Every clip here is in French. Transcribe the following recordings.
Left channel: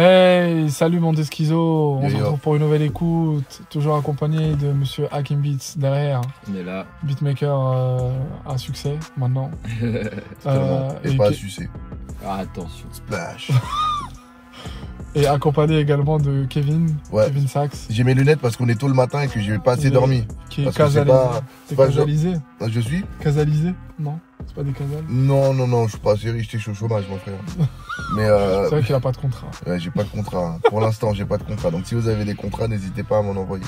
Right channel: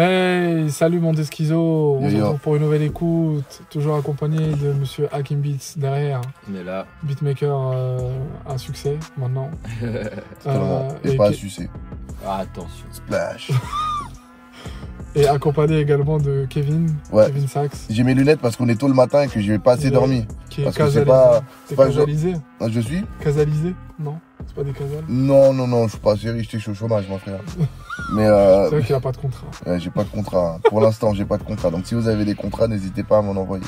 Hey, salut mon Deschizo, on se Yo. retrouve pour une nouvelle écoute, toujours accompagné de monsieur Hakim Beats derrière, On est là. beatmaker à succès maintenant. Et pas à sucer. Ah, attention. Splash. Et accompagné également de Kevin, Ouais. Kevin Sachs, J'ai mes lunettes parce qu'on est tôt le matin et que j'ai pas assez Ouais. dormi. qui est Parce que c'est casalisé. pas- T'es pas- casalisé? Je suis Casalisé? Non, c'est pas des casales. Non, je suis pas assez riche, je suis au chômage, mon frère. Mais C'est vrai qu'il a pas de contrat. j'ai pas de contrat. Pour l'instant, j'ai pas de contrat. Donc si vous avez des contrats, n'hésitez pas à m'en envoyer.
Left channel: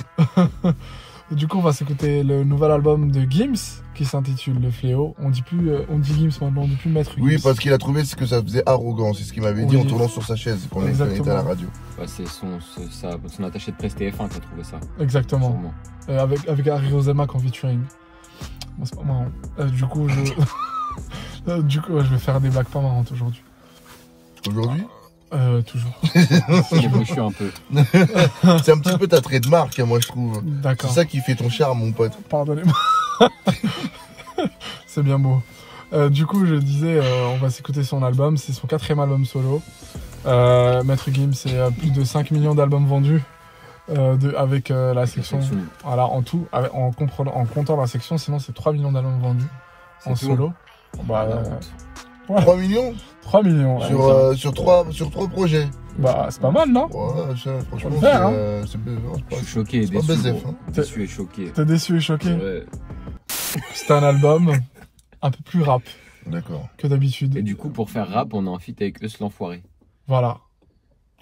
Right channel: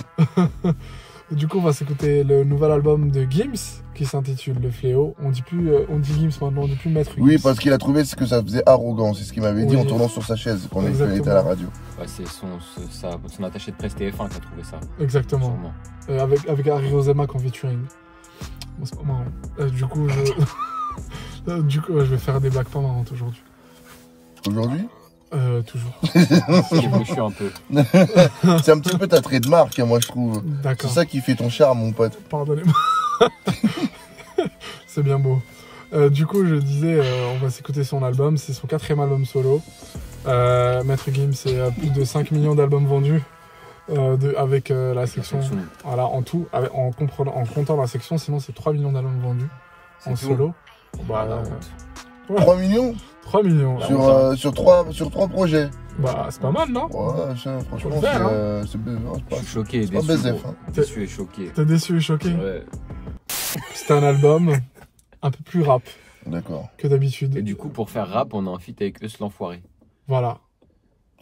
Du coup, on va s'écouter le nouvel album de Gims qui s'intitule Le Fléau. On dit Gims maintenant, on dit plus Maître Gims. Oui, parce qu'il a trouvé ce que ça faisait arrogant. C'est ce qu'il m'avait dit Oui. en tournant sur sa chaise quand il Exactement. était à la radio. Ouais, c'est son attaché de presse TF1 qui a trouvé ça. Exactement. Sûrement. Avec Harry Roselmack en featuring. Bon, c'est pas marrant. Du coup, je vais faire des blagues pas marrantes aujourd'hui. Aujourd'hui, Toujours. Il est bouchu un peu. c'est un petit peu ta trait de marque, hein, moi je trouve. C'est D'accord. ça qui fait ton charme, mon pote. Pardonnez-moi. C'est bien beau. Du coup, je disais, on va s'écouter son album. C'est son 4e album solo. Maître Gims, c'est plus de 5 millions d'albums vendus. Avec la section. Voilà, en tout, en comptant la section, sinon c'est 3 millions d'albums vendus en tout. solo. Bah, la Bah, honte. ouais. 3 millions 3 millions. Bah, sur trois projets. Bah, c'est pas mal, non? Ouais, ça, Faut franchement, le faire, c'est non, c'est Je pas- suis choqué, c'est pas déçu. BZF, gros. hein. Déçu et choqué. T'es déçu et choqué? Ouais. C'est un album un peu plus rap D'accord. que d'habitude. Et du coup, pour faire rap, on est en feat avec Eus l'Enfoiré. Voilà.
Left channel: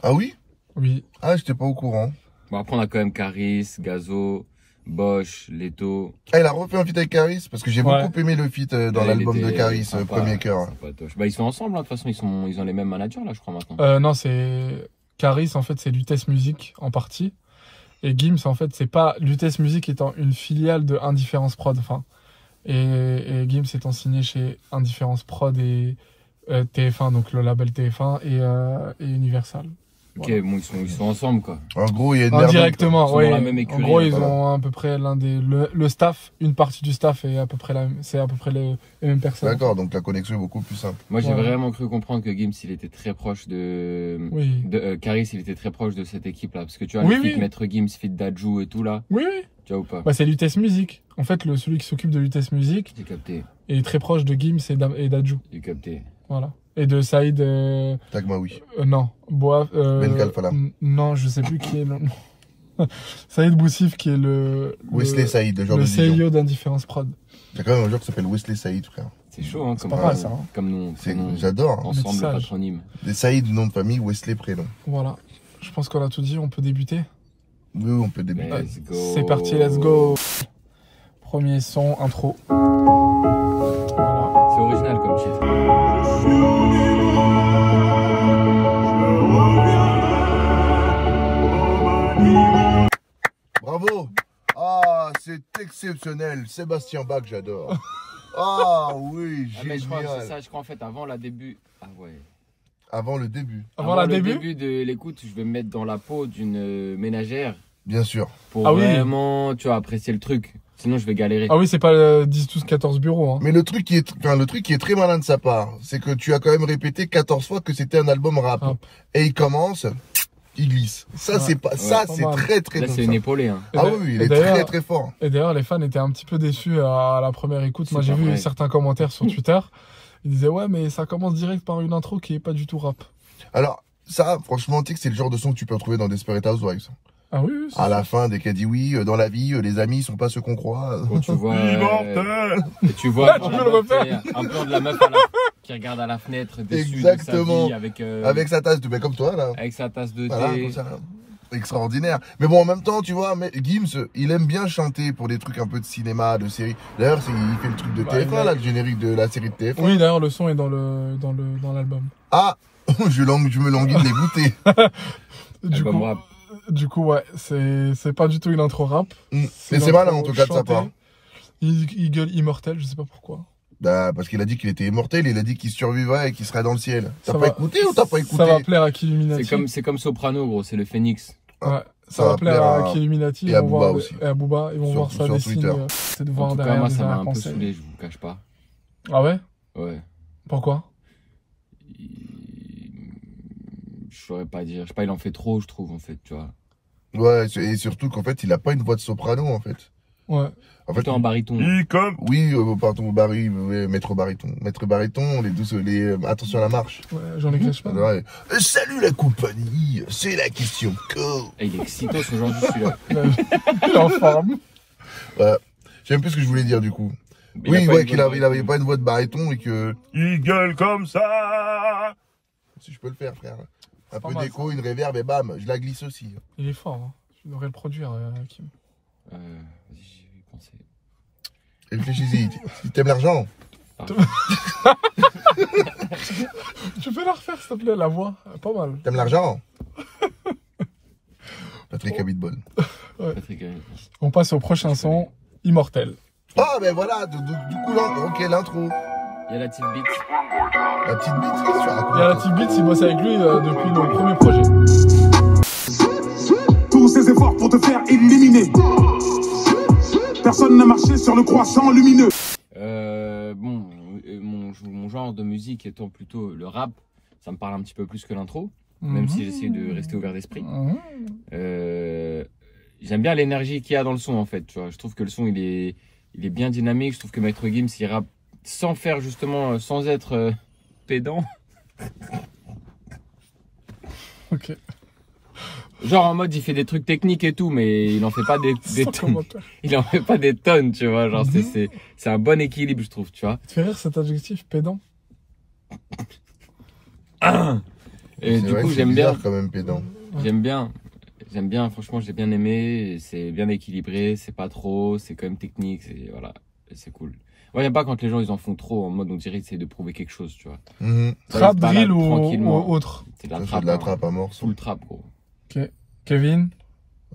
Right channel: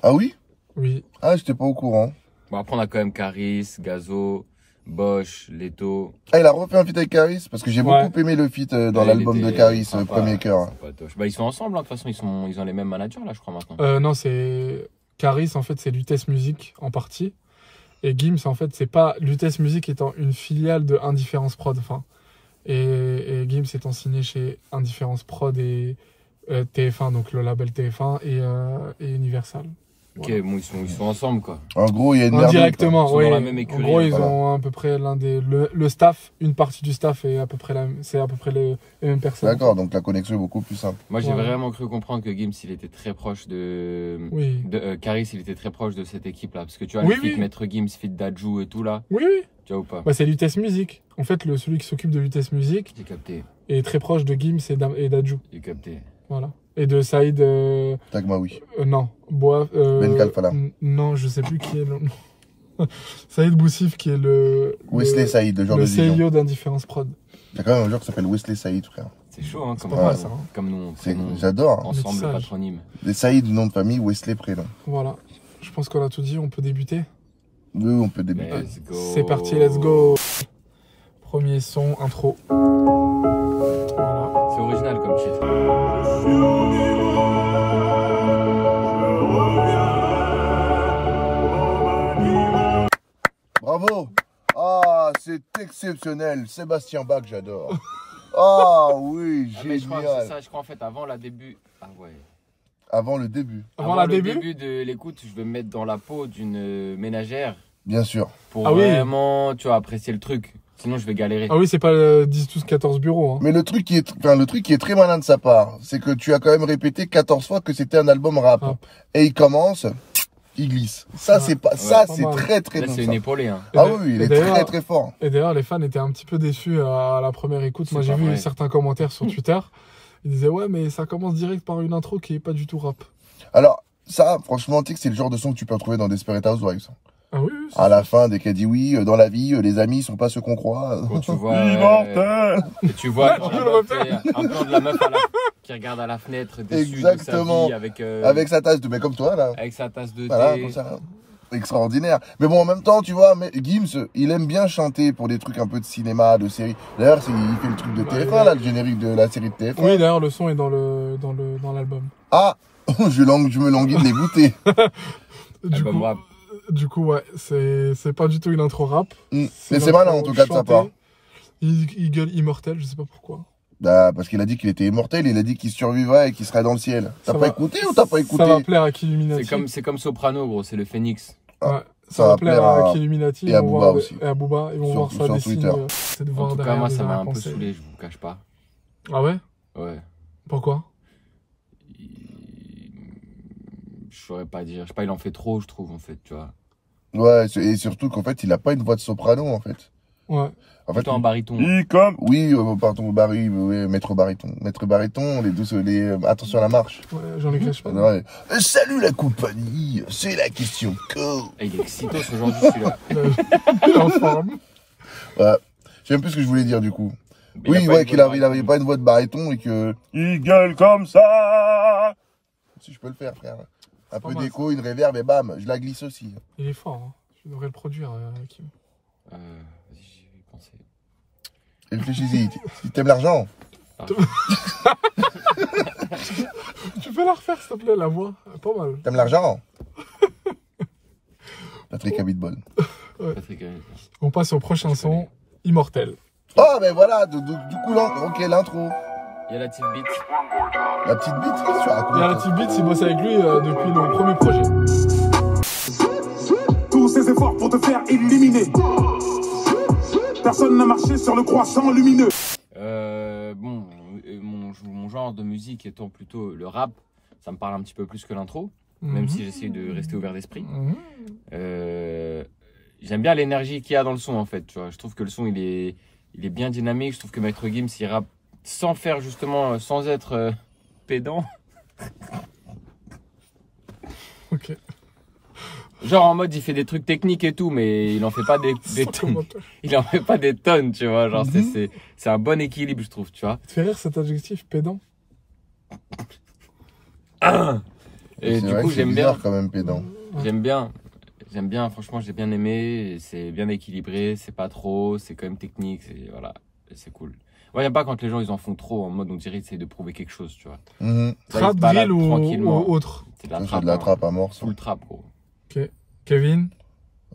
Ah oui? Oui. Ah, j'étais pas au courant. Bon, après, on a quand même Caris, Gazo, Bosch, Leto. Ah, il a refait un feat avec Caris parce que j'ai Ouais. beaucoup aimé le feat dans Ouais, l'album il de était Caris, sympa, Premier Cœur. sympatoche. Bah, ils sont ensemble, hein. De toute façon, ils ont les mêmes managers, là, je crois, maintenant. Non, c'est. Caris, en fait, c'est Lutèce Music en partie. Et Gims, en fait, c'est pas. Lutèce Music étant une filiale de Indifference Prod. Enfin. Et Gims étant signé chez Indifference Prod et TF1, donc le label TF1 et Universal. Ok, Voilà. bon, ils sont ensemble, quoi. En gros, il y a une merde. Indirectement, Ils sont oui. dans la même En écurie, gros, ils voilà. ont à peu près le staff, une partie du staff est à peu près les mêmes personnes. D'accord, donc la connexion est beaucoup plus simple. Moi, j'ai Ouais. vraiment cru comprendre que Gims, il était très proche de. Oui. Caris, il était très proche de cette équipe-là. Parce que tu vois, Oui, le feat oui. Maître Gims, feat Dadju et tout, là. Oui, oui. Tu vois ou pas? Bah, c'est Lutèce Music. En fait, celui qui s'occupe de Lutèce Music J'ai capté, est très proche de Gims et d'Adju. j'ai capté. Voilà. Et de Saïd. Tagmaoui. Non. Boaf. Ben Kalfala. Non, je sais plus qui est le. Saïd Boussif, qui est Wesley Saïd, le genre le de vision. CIO d'Indifference Prod. Il y a quand même un joueur qui s'appelle Wesley Saïd, frère. C'est chaud, hein, comme, pas mal, ça, hein. comme nous, prénom. J'adore. Hein. Ensemble, le Métissage. patronyme. Des Saïd, nom de famille, Wesley prénom. Voilà. Je pense qu'on a tout dit. On peut débuter. Oui, on peut débuter. Let's go. C'est parti, let's go. Premier son, intro. Voilà. C'est original comme titre. Bravo. Ah, c'est exceptionnel. Sébastien Bach, j'adore. Ah oui, Ah, mais je crois que c'est génial. ça, je crois en fait avant la début. Ah ouais. Avant le début, Avant la le début. début de l'écoute, je vais me mettre dans la peau d'une ménagère bien sûr. pour Ah oui. vraiment, tu vois, apprécier le truc. Sinon, je vais galérer. Ah oui, c'est pas le 10, 12, 14 bureaux. Hein. Mais le truc qui est très malin de sa part, c'est que tu as quand même répété 14 fois que c'était un album rap. Rap. Et il commence, il glisse. Ça, Ouais. c'est pas, Ouais. ça, Pas c'est mal. très très Là, bon. c'est ça. une épaulée. Hein. Ah Et oui, il et est d'ailleurs- très très fort. Et d'ailleurs, les fans étaient un petit peu déçus à la première écoute. C'est Moi, j'ai pas vu vrai. certains commentaires sur Twitter. Ils disaient, ouais, mais ça commence direct par une intro qui est pas du tout rap. Alors, ça, franchement, tu sais que c'est le genre de son que tu peux retrouver dans Desperate Housewives. Ah oui, oui. À la fin, dès qu'elle dit oui, dans la vie, les amis sont pas ceux qu'on croit. Quand tu vois, Immortel. et tu vois Ouais, genre, tu la peux le meuf, refaire. un plan de la meuf qui regarde à la fenêtre déçue de sa Exactement. vie avec Avec sa tasse de, ben, comme toi, là. avec sa tasse de Voilà, thé. comme ça, là. Extraordinaire. Mais bon, en même temps, tu vois, Gims, il aime bien chanter pour des trucs un peu de cinéma, de série. D'ailleurs, il fait le truc de Bah, TF1, là, le générique de la série de TF1. Oui, d'ailleurs, le son est dans l'album. Ah, je me languis de les goûter. Album rap. Du coup, ouais, c'est pas du tout une intro rap. Mais c'est une malin, intro en tout cas, de sa chantée. part. Il gueule immortel, je sais pas pourquoi. Bah, parce qu'il a dit qu'il était immortel, il a dit qu'il survivrait et qu'il serait dans le ciel. T'as Ça pas va- écouté ou t'as pas écouté? Ça va plaire à Killuminati. C'est comme Soprano, gros, c'est le Phénix. Ouais, ça va plaire à Killuminati. et Ils à vont Booba voir aussi. Et à Booba. Ils vont Sur- voir ça sur des Twitter. signes. C'est de En voir tout cas, derrière moi, des ça m'a un peu arrière-pensées. saoulé, je vous cache pas. Ah ouais? Ouais. Pourquoi? Je saurais pas dire. Je sais pas, il en fait trop, je trouve, en fait, tu vois. Ouais, et surtout qu'en fait, il a pas une voix de soprano, en fait. Ouais. En fait, Plutôt en baryton. Oui, pardon, maître baryton. Maître baryton, attention à la marche. Ouais, Jean-Luc Reichmann. Ouais. Salut la compagnie, c'est la question co. Et il est excitos aujourd'hui, celui-là. Il est en forme. Ouais. Je sais même plus ce que je voulais dire, du coup. Mais Oui, il a pas ouais, une qu'il voix avait, de il avait baryton. pas une voix de baryton et que... Il gueule comme ça. Si je peux le faire, frère. Un peu mal, d'écho, une réverb et bam, je la glisse aussi. Il est fort. Hein. Je devrais le produire, Kim. Vas-y, j'y vais penser. Réfléchis-y. Si t'aimes l'argent. Tu peux la refaire, s'il te plaît, la voix. Pas mal. T'aimes l'argent. Patrick Abitbol. Patrick, On passe au prochain son, Immortel. Ah, ben voilà, du coup, ok, l'intro. il y a la petite bite. La petite bite, qu'est-ce que tu racontes? Il y a la petite Beats, il bosse avec lui depuis le premier projet. Tous ces efforts pour te faire éliminer. Personne n'a marché sur le croissant lumineux. Bon, mon genre de musique étant plutôt le rap, ça me parle un petit peu plus que l'intro, même si j'essaie de rester ouvert d'esprit. J'aime bien l'énergie qu'il y a dans le son, en fait, tu vois. Je trouve que le son, il est bien dynamique. Je trouve que Maître Gims, il rappe sans faire justement, sans être pédant. Ok. Genre en mode, il fait des trucs techniques et tout, mais il en fait pas des tonnes. Il en fait pas des tonnes, tu vois. Genre, c'est un bon équilibre, je trouve, tu vois. Tu fais rire cet adjectif, pédant? Et C'est du vrai coup, que c'est j'aime bien. bizarre quand même, pédant. J'aime bien, franchement, j'ai bien aimé. C'est bien équilibré, c'est pas trop, c'est quand même technique, voilà, c'est cool. Moi, j'aime pas quand les gens ils en font trop en mode on dirait qu'ils essayent de prouver quelque chose, tu vois. Mhm. Là, ils se Trap, baladent drill tranquillement. ou autre? C'est de la Ça, trappe. c'est de la hein. trappe à mort. Full trap, gros. Ok. Kevin?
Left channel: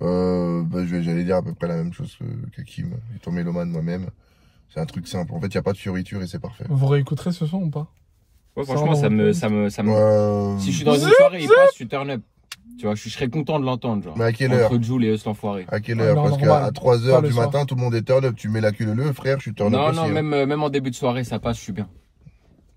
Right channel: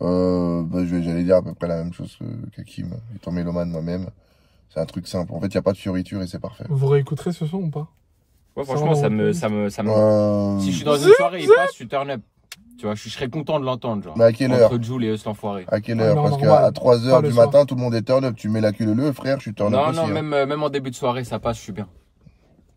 J'allais dire à peu près la même chose que Kim. Étant mélomane moi-même, c'est un truc simple. En fait, il n'y a pas de fioriture et c'est parfait. Vous réécouterez ce son ou pas? Ouais, franchement, ça me. Si je suis dans une soirée, il passe, je suis turn up. Tu vois, je serais content de l'entendre, genre. Mais à quelle heure? Entre Jul et Eus l'enfoiré. À quelle Ah, heure? non, Parce normal. qu'à 3h Pas le du soir. matin, tout le monde est turn up. Tu mets la queue le frère, je suis turn up Non, aussi. non, hein. même en début de soirée, ça passe, je suis bien.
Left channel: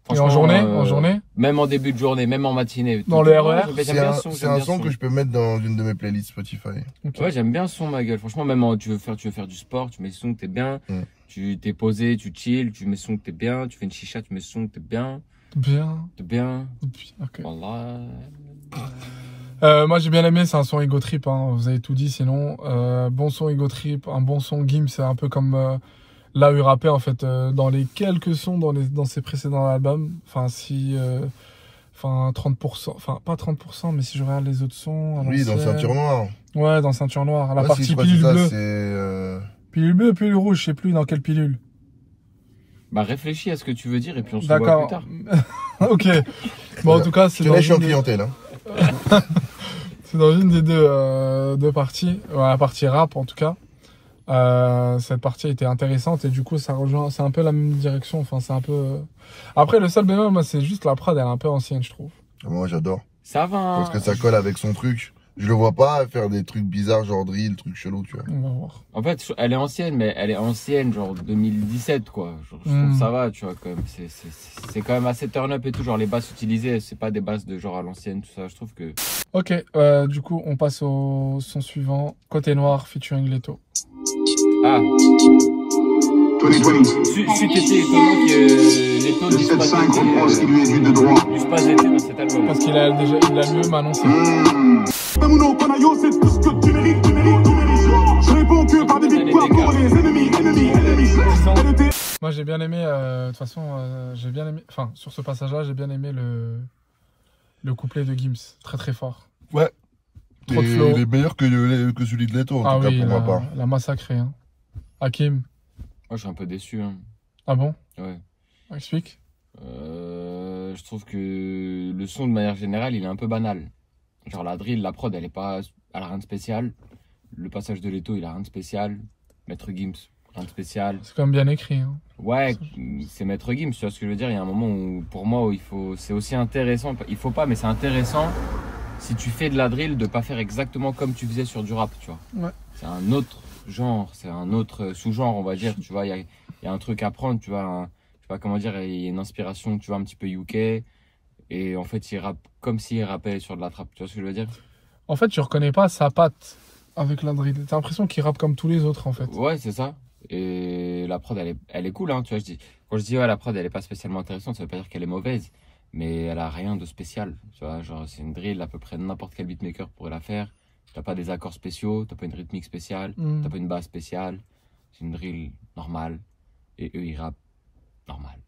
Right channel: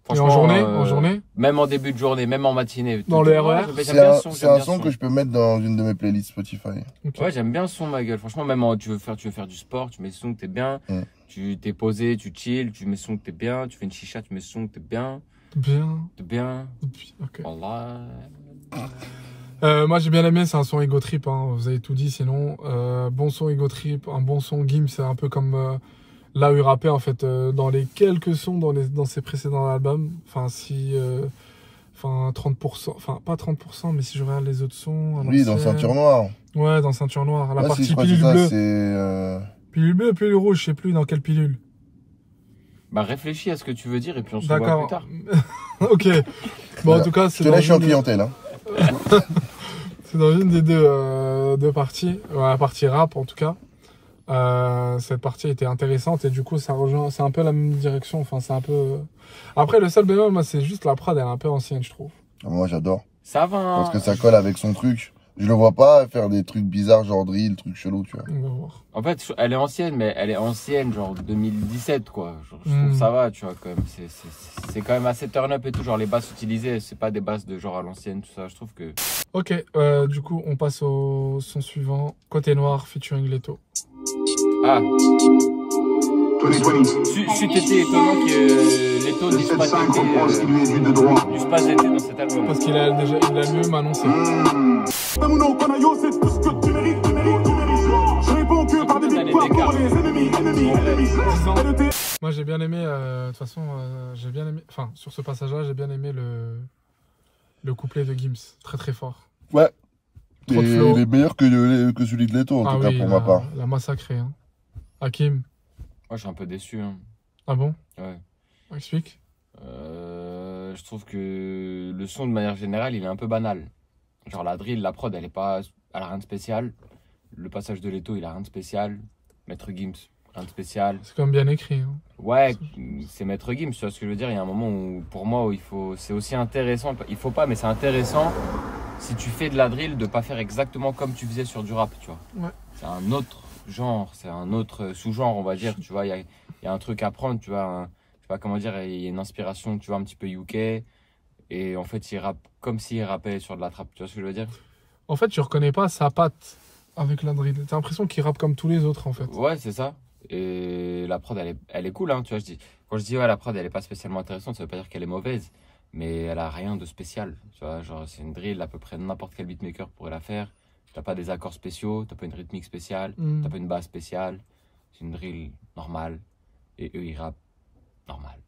Et en journée? En journée? Même en début de journée, même en matinée. Dans le RER? J'aime bien ce son. C'est un son que je peux mettre dans une de mes playlists Spotify. Ok. Ouais, j'aime bien ce son, ma gueule. Franchement, même tu veux faire du sport, tu mets ce son que t'es bien. Mm. Tu t'es posé, tu chill, tu mets ce son que t'es bien. Tu fais une chicha, tu mets ce son que t'es bien. Bien. T'es bien. Ok. Voilà. Moi j'ai bien aimé, c'est un son Ego Trip, hein. Vous avez tout dit sinon. Bon son Ego Trip, un bon son Gims, c'est un peu comme là où il rappait en fait dans les quelques sons dans ses précédents albums. Enfin 30%, enfin pas 30%, mais si je regarde les autres sons. Oui, dans Ceinture Noire. Ouais, dans Ceinture Noire. La Ouais, partie si, je crois que pilule c'est ça, bleue. c'est Pilule bleue, pilule rouge, je sais plus dans quelle pilule. Bah, réfléchis à ce que tu veux dire et puis on se revoit D'accord. plus tard. Ok. Bon en tout cas c'est Je te dans laisse, je suis en une- clientèle. Hein. C'est dans une des deux parties, la partie rap en tout cas. Cette partie était intéressante et du coup ça rejoint, c'est un peu la même direction. Enfin c'est un peu. Après le seul bémol, moi c'est juste la prod, elle est un peu ancienne je trouve. Moi, j'adore. Ça va. Parce que ça colle avec son truc. Je le vois pas faire des trucs bizarres, genre drill, trucs chelous, tu vois. On va voir. En fait, elle est ancienne, mais elle est ancienne, genre 2017, quoi. Genre, je trouve que ça va, tu vois, quand même. C'est quand même assez turn up et tout. Genre, les basses utilisées, c'est pas des basses de genre à l'ancienne, tout ça. Je trouve que. Ok, du coup on passe au son suivant, Côté Noir featuring Leto. Ah! C'eût été étonnant que les taux n'eussent pas été dans cet album. Parce qu'il a lui-même annoncé. Combien d'années d'écart en vrai? 10 ans. Moi j'ai bien aimé, de toute façon, j'ai bien aimé, enfin sur ce passage-là, j'ai bien aimé le couplet de Gims, très très fort. Ouais. Trop de flow. Il est meilleur que celui de Leto, en tout cas, pour ma part. la massacré. Hein. Hakim. Moi, je suis un peu déçu. Hein. Ah bon? Ouais. Explique. Je trouve que le son, de manière générale, il est un peu banal. Genre, la drill, la prod, elle a rien de spécial. Le passage de Leto, il a rien de spécial. Maître Gims, rien de spécial. C'est quand même bien écrit. Hein. Ouais, c'est Maître Gims, tu vois ce que je veux dire. Il y a un moment où, pour moi, où c'est aussi intéressant. Il faut pas, mais c'est intéressant si tu fais de la drill de pas faire exactement comme tu faisais sur du rap, tu vois. Ouais. C'est un autre genre, c'est un autre sous-genre, on va dire, tu vois. Il y a un truc à prendre, tu vois. Je sais pas comment dire, il y a une inspiration, tu vois, un petit peu UK. Et en fait, il rappe comme s'il rappait sur de la trappe. Tu vois ce que je veux dire? En fait, tu reconnais pas sa patte avec la drill. T'as l'impression qu'il rappe comme tous les autres, en fait. Ouais, c'est ça. Et la prod, elle est cool, hein, tu vois. Quand je dis, ouais, la prod, elle est pas spécialement intéressante, ça veut pas dire qu'elle est mauvaise. Mais elle a rien de spécial. Tu vois, genre, c'est une drill, à peu près n'importe quel beatmaker pourrait la faire. T'as pas des accords spéciaux, t'as pas une rythmique spéciale, t'as pas une basse spéciale. C'est une drill normale. Et eux, ils rappent normal.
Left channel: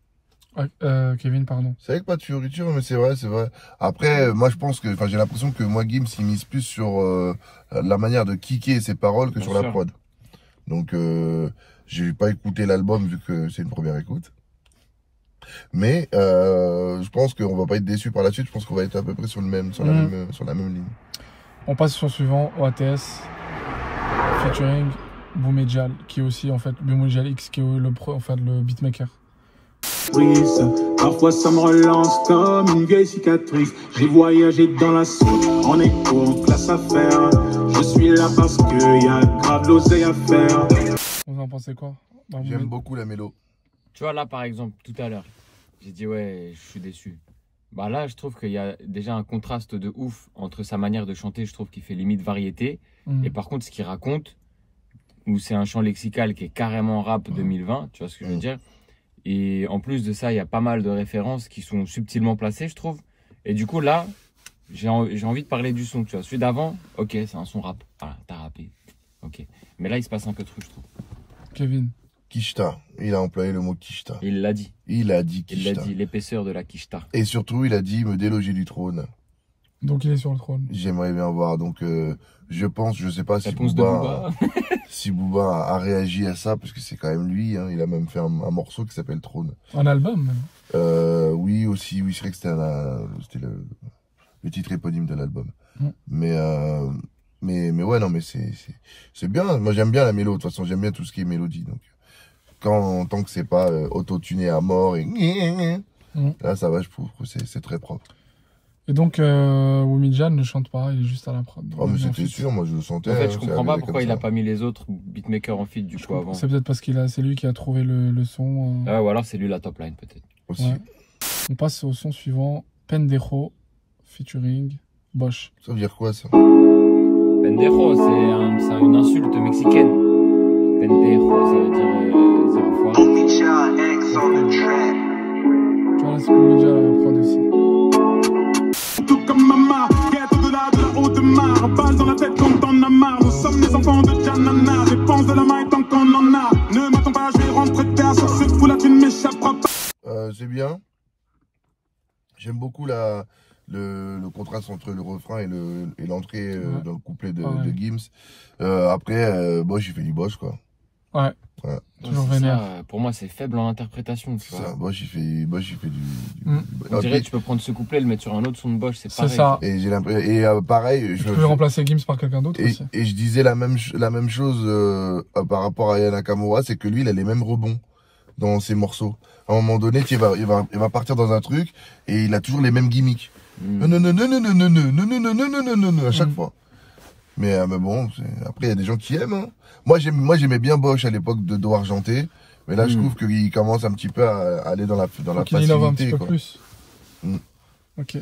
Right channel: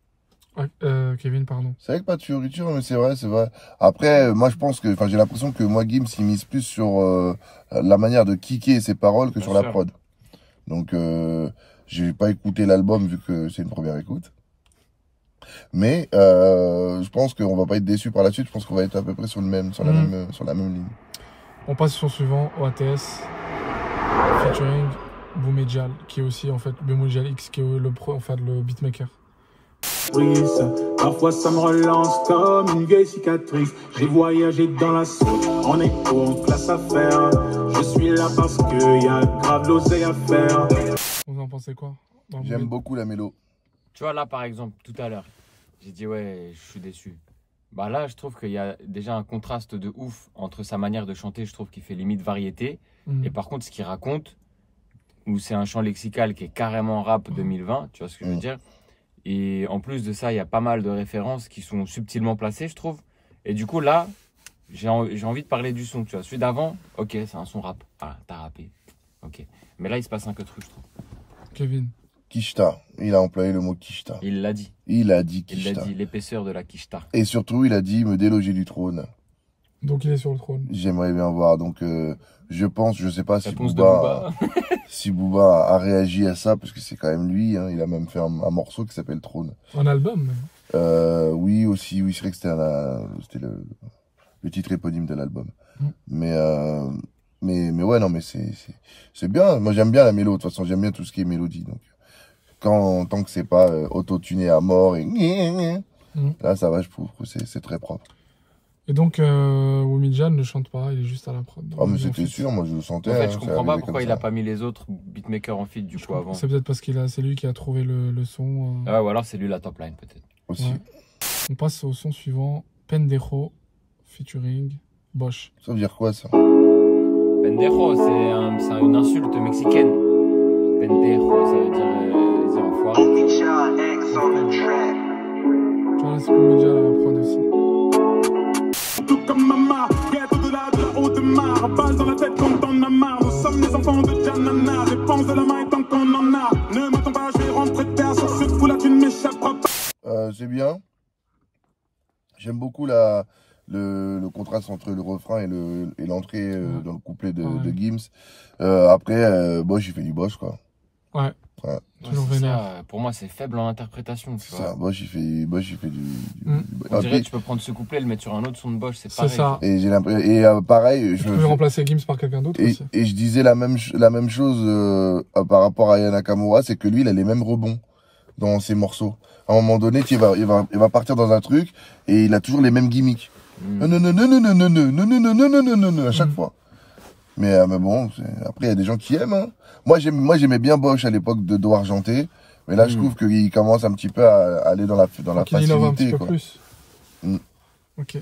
Ouais, Kevin, pardon. C'est vrai que pas de fioriture, mais c'est vrai, c'est vrai. Après, moi, je pense que, j'ai l'impression que moi, Gims, il mise plus sur la manière de kicker ses paroles que Bien sur sûr. la prod. Donc, j'ai pas écouté l'album vu que c'est une première écoute. Mais je pense qu'on va pas être déçu par la suite. Je pense qu'on va être à peu près sur la même ligne. On passe au son suivant, OATS, featuring Boumedjal, qui est aussi, en fait, Boumedjal X, qui est le beatmaker. Parfois ça me relance comme une vieille cicatrice. J'ai voyagé dans la soupe, en écho, en classe à faire. Je suis là parce qu'il y a grave d'oseille à faire. Vous en pensez quoi? J'aime beaucoup la mélo. Tu vois, là, par exemple, tout à l'heure, j'ai dit, ouais, je suis déçu. Bah là, je trouve qu'il y a déjà un contraste de ouf entre sa manière de chanter, je trouve qu'il fait limite variété. Et par contre, ce qu'il raconte, où c'est un chant lexical qui est carrément rap 2020, tu vois ce que je veux dire? Et en plus de ça, il y a pas mal de références qui sont subtilement placées, je trouve. Et du coup, là, j'ai envie de parler du son, tu vois. Celui d'avant, ok, c'est un son rap. Voilà, t'as rappé. Ok. Mais là, il se passe un que truc, je trouve. Kevin. Kishta. Il a employé le mot Kishta. Il l'a dit. Il a dit Il l'a Kishta. dit, l'épaisseur de la Kishta. Et surtout, il a dit me déloger du trône. Donc il est sur le trône. J'aimerais bien voir. Donc, je sais pas si Réponse de Booba. si Booba a réagi à ça, parce que c'est quand même lui. Hein, il a même fait un morceau qui s'appelle Trône. Un album. Oui, aussi. Oui, c'est vrai que c'était le titre éponyme de l'album. Mais ouais, non, mais c'est bien. Moi, j'aime bien la mélo. De toute façon, j'aime bien tout ce qui est mélodie. Donc, tant que c'est pas auto-tuné à mort et là, ça va, je trouve que c'est très propre. Et donc, Boumedjal ne chante pas, il est juste à la prod. Oh, mais c'était sûr, moi je le sentais. En fait, hein, je c'est comprends pas arrivé pourquoi comme il a ça. pas mis les autres beatmakers en feat du coup avant. C'est peut-être parce c'est lui qui a trouvé le son. Ah, ou alors c'est lui la top line peut-être. Aussi. Ouais. On passe au son suivant, Pendejo, featuring Bosch. Ça veut dire quoi ça? Pendejo, c'est une insulte mexicaine. Pendejo, ça veut dire enfoiré. Tu vois là, c'est Boumedjal à la prod aussi. Tout comme maman, guette au-delà de la haute mare. Balle dans la tête comme t'en as marre. Nous sommes les enfants de Janana. Réponse de la main tant qu'on en a. Ne m'attends pas, je vais rentrer tard sur ce fou là, tu ne m'échapperas pas. C'est bien. J'aime beaucoup le contraste entre le refrain et l'entrée dans le couplet de Gims. Après, Bosch, il fait du Bosch, quoi. Ouais. Ouais. Ouais, c'est ça, pour moi, c'est faible en interprétation, tu vois. Ça, Bosch, il fait du... On dirait que tu peux prendre ce couplet et le mettre sur un autre son de Bosch, c'est pareil. ça. Et j'ai l'impression, pareil, Tu peux remplacer Gims par quelqu'un d'autre aussi. et je disais la même chose par rapport à Aya Nakamura, c'est que lui, il a les mêmes rebonds dans ses morceaux. À un moment donné, il va partir dans un truc et il a toujours les mêmes gimmicks. Non, à chaque fois. Mais bon, après, il y a des gens qui aiment. Hein. Moi, j'aimais bien Bosch à l'époque de Do Argenté. Mais là, je trouve qu'il commence un petit peu à aller dans la facilité. Il innove un petit peu quoi. plus. Ok.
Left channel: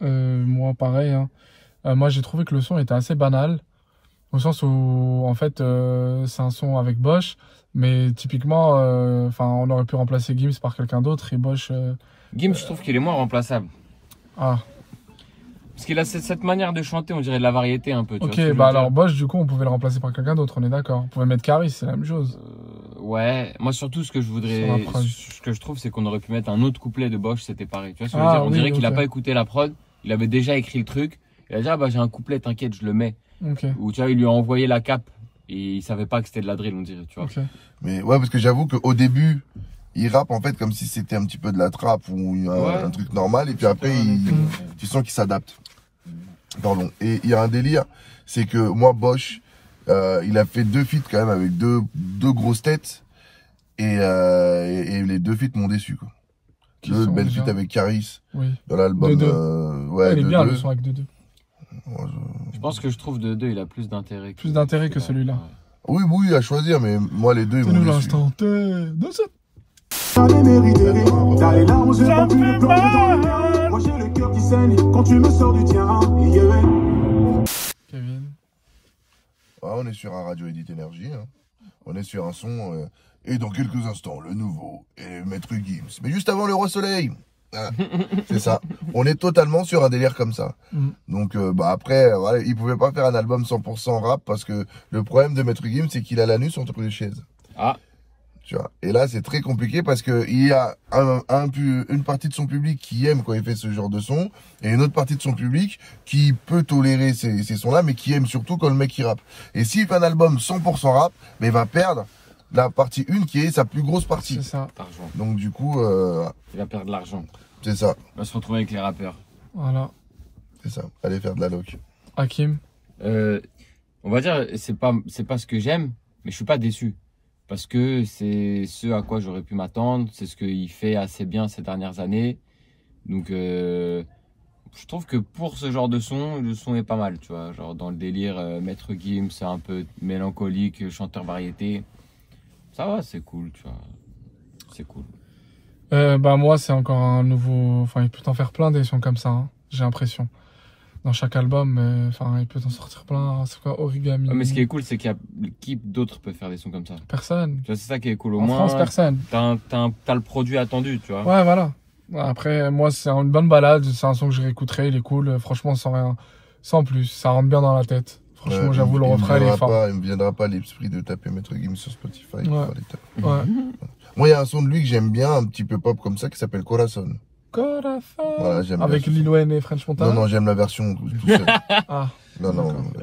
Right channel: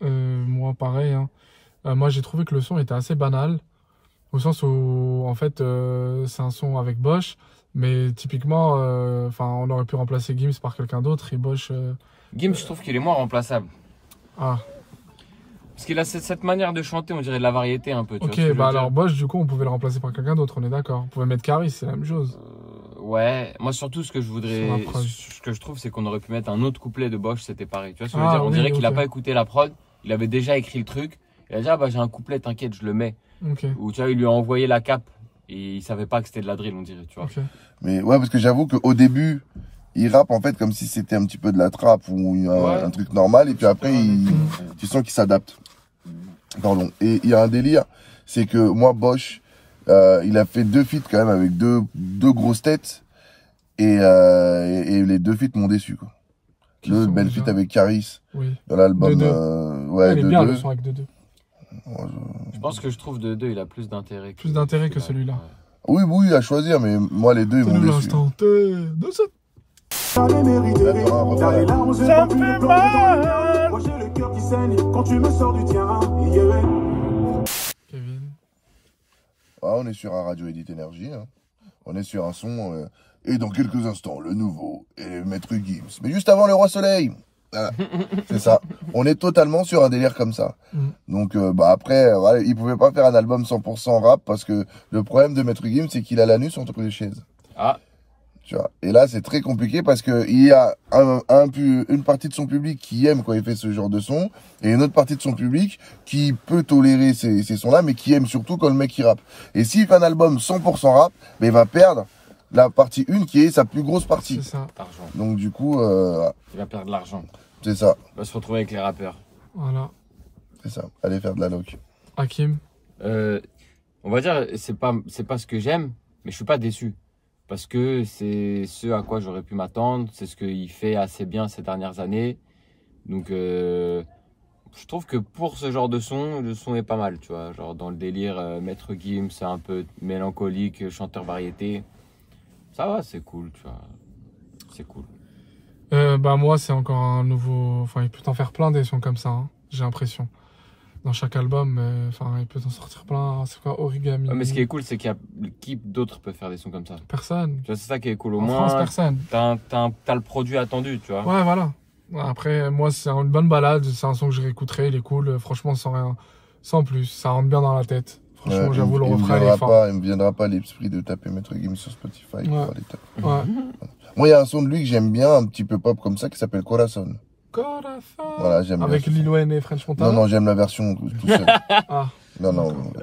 Moi, pareil. Hein. Moi, j'ai trouvé que le son était assez banal. Au sens où, en fait, c'est un son avec Bosch. Mais typiquement, on aurait pu remplacer Gims par quelqu'un d'autre. Et Bosch... Gims, je trouve qu'il est moins remplaçable. Ah. Parce qu'il a cette manière de chanter, on dirait de la variété un peu. Tu vois ce que Ok, je veux bah dire. alors Bosch, du coup, on pouvait le remplacer par quelqu'un d'autre, on est d'accord. On pouvait mettre Caris, c'est la même chose. Ouais, moi surtout ce que je trouve, c'est qu'on aurait pu mettre un autre couplet de Bosch, c'était pareil. Tu vois ce que je veux dire? On dirait qu'il a pas écouté la prod, il avait déjà écrit le truc. Il a dit, ah bah j'ai un couplet, t'inquiète, je le mets. Okay. Ou tu vois, il lui a envoyé la cape et il savait pas que c'était de la drill, on dirait, tu vois. Okay. Mais ouais, parce que j'avoue qu'au début, il rappe en fait comme si c'était un petit peu de la trappe ou un truc normal. Et puis après, tu sens qu'il s'adapte. Pardon. Et il y a un délire, c'est que moi, Bosch, il a fait 2 feats quand même avec deux grosses têtes. Et les 2 feats m'ont déçu, quoi. Le bel feat avec Caris dans l'album. Ouais, il est bien le son avec 2-2. Je pense que je trouve de 2, il a plus d'intérêt. Plus d'intérêt que celui-là. Oui, à choisir, mais moi, les 2, ils m'ont déçu. L'instant T de ça. Là, il y aura un refrain, là. Ça me fait mal. Moi j'ai le cœur qui saigne quand tu me sors du tien. Kevin. Ah, on est sur un Radio Edit Énergie. Hein. On est sur un son. Et dans quelques instants, le nouveau et Maître Gims. Mais juste avant le Roi Soleil. Voilà. C'est ça. On est totalement sur un délire comme ça. Donc, après, voilà, il pouvait pas faire un album 100% rap parce que le problème de Maître Gims, c'est qu'il a l'anus entre les chaises. Ah. Tu vois. Et là, c'est très compliqué parce que il y a une partie de son public qui aime quand il fait ce genre de son et une autre partie de son public qui peut tolérer ces sons-là, mais qui aime surtout quand le mec il rappe. Et s'il fait un album 100% rap, ben, il va perdre la partie 1 qui est sa plus grosse partie. C'est ça. L'argent. Donc du coup, Il va perdre de l'argent. c'est ça. On va se retrouver avec les rappeurs. Voilà. C'est ça. Allez faire de la loc. Hakim. On va dire, c'est pas ce que j'aime, mais je suis pas déçu. Parce que c'est ce à quoi j'aurais pu m'attendre. C'est ce qu'il fait assez bien ces dernières années. Donc, je trouve que pour ce genre de son, le son est pas mal, tu vois. Genre dans le délire, Maître Gims, c'est un peu mélancolique, chanteur variété. Ça va, c'est cool, tu vois. C'est cool. Moi, c'est encore un nouveau... Enfin, il peut en faire plein des sons comme ça, hein, j'ai l'impression. Dans chaque album, il peut en sortir plein. C'est quoi, Origami? Ouais, mais ce qui est cool, c'est qu'il y a qui d'autres peut faire des sons comme ça. Personne. Tu vois, c'est ça qui est cool. Au En moins, France, personne. t'as le produit attendu, tu vois. Ouais, voilà. Après, moi, c'est une bonne balade. C'est un son que je réécouterai. Il est cool. Franchement, sans rien. Sans plus. Ça rentre bien dans la tête. Franchement, j'avoue, le refrain, il est fort. Il me viendra pas l'esprit de taper Maître Gims sur Spotify. Ouais. Ouais. Moi, il y a un son de lui que j'aime bien, un petit peu pop comme ça, qui s'appelle Corazon. Voilà, j'aime Avec bien. Lil Wayne et French Montana. Non, j'aime la version tout seul. Ah, Non,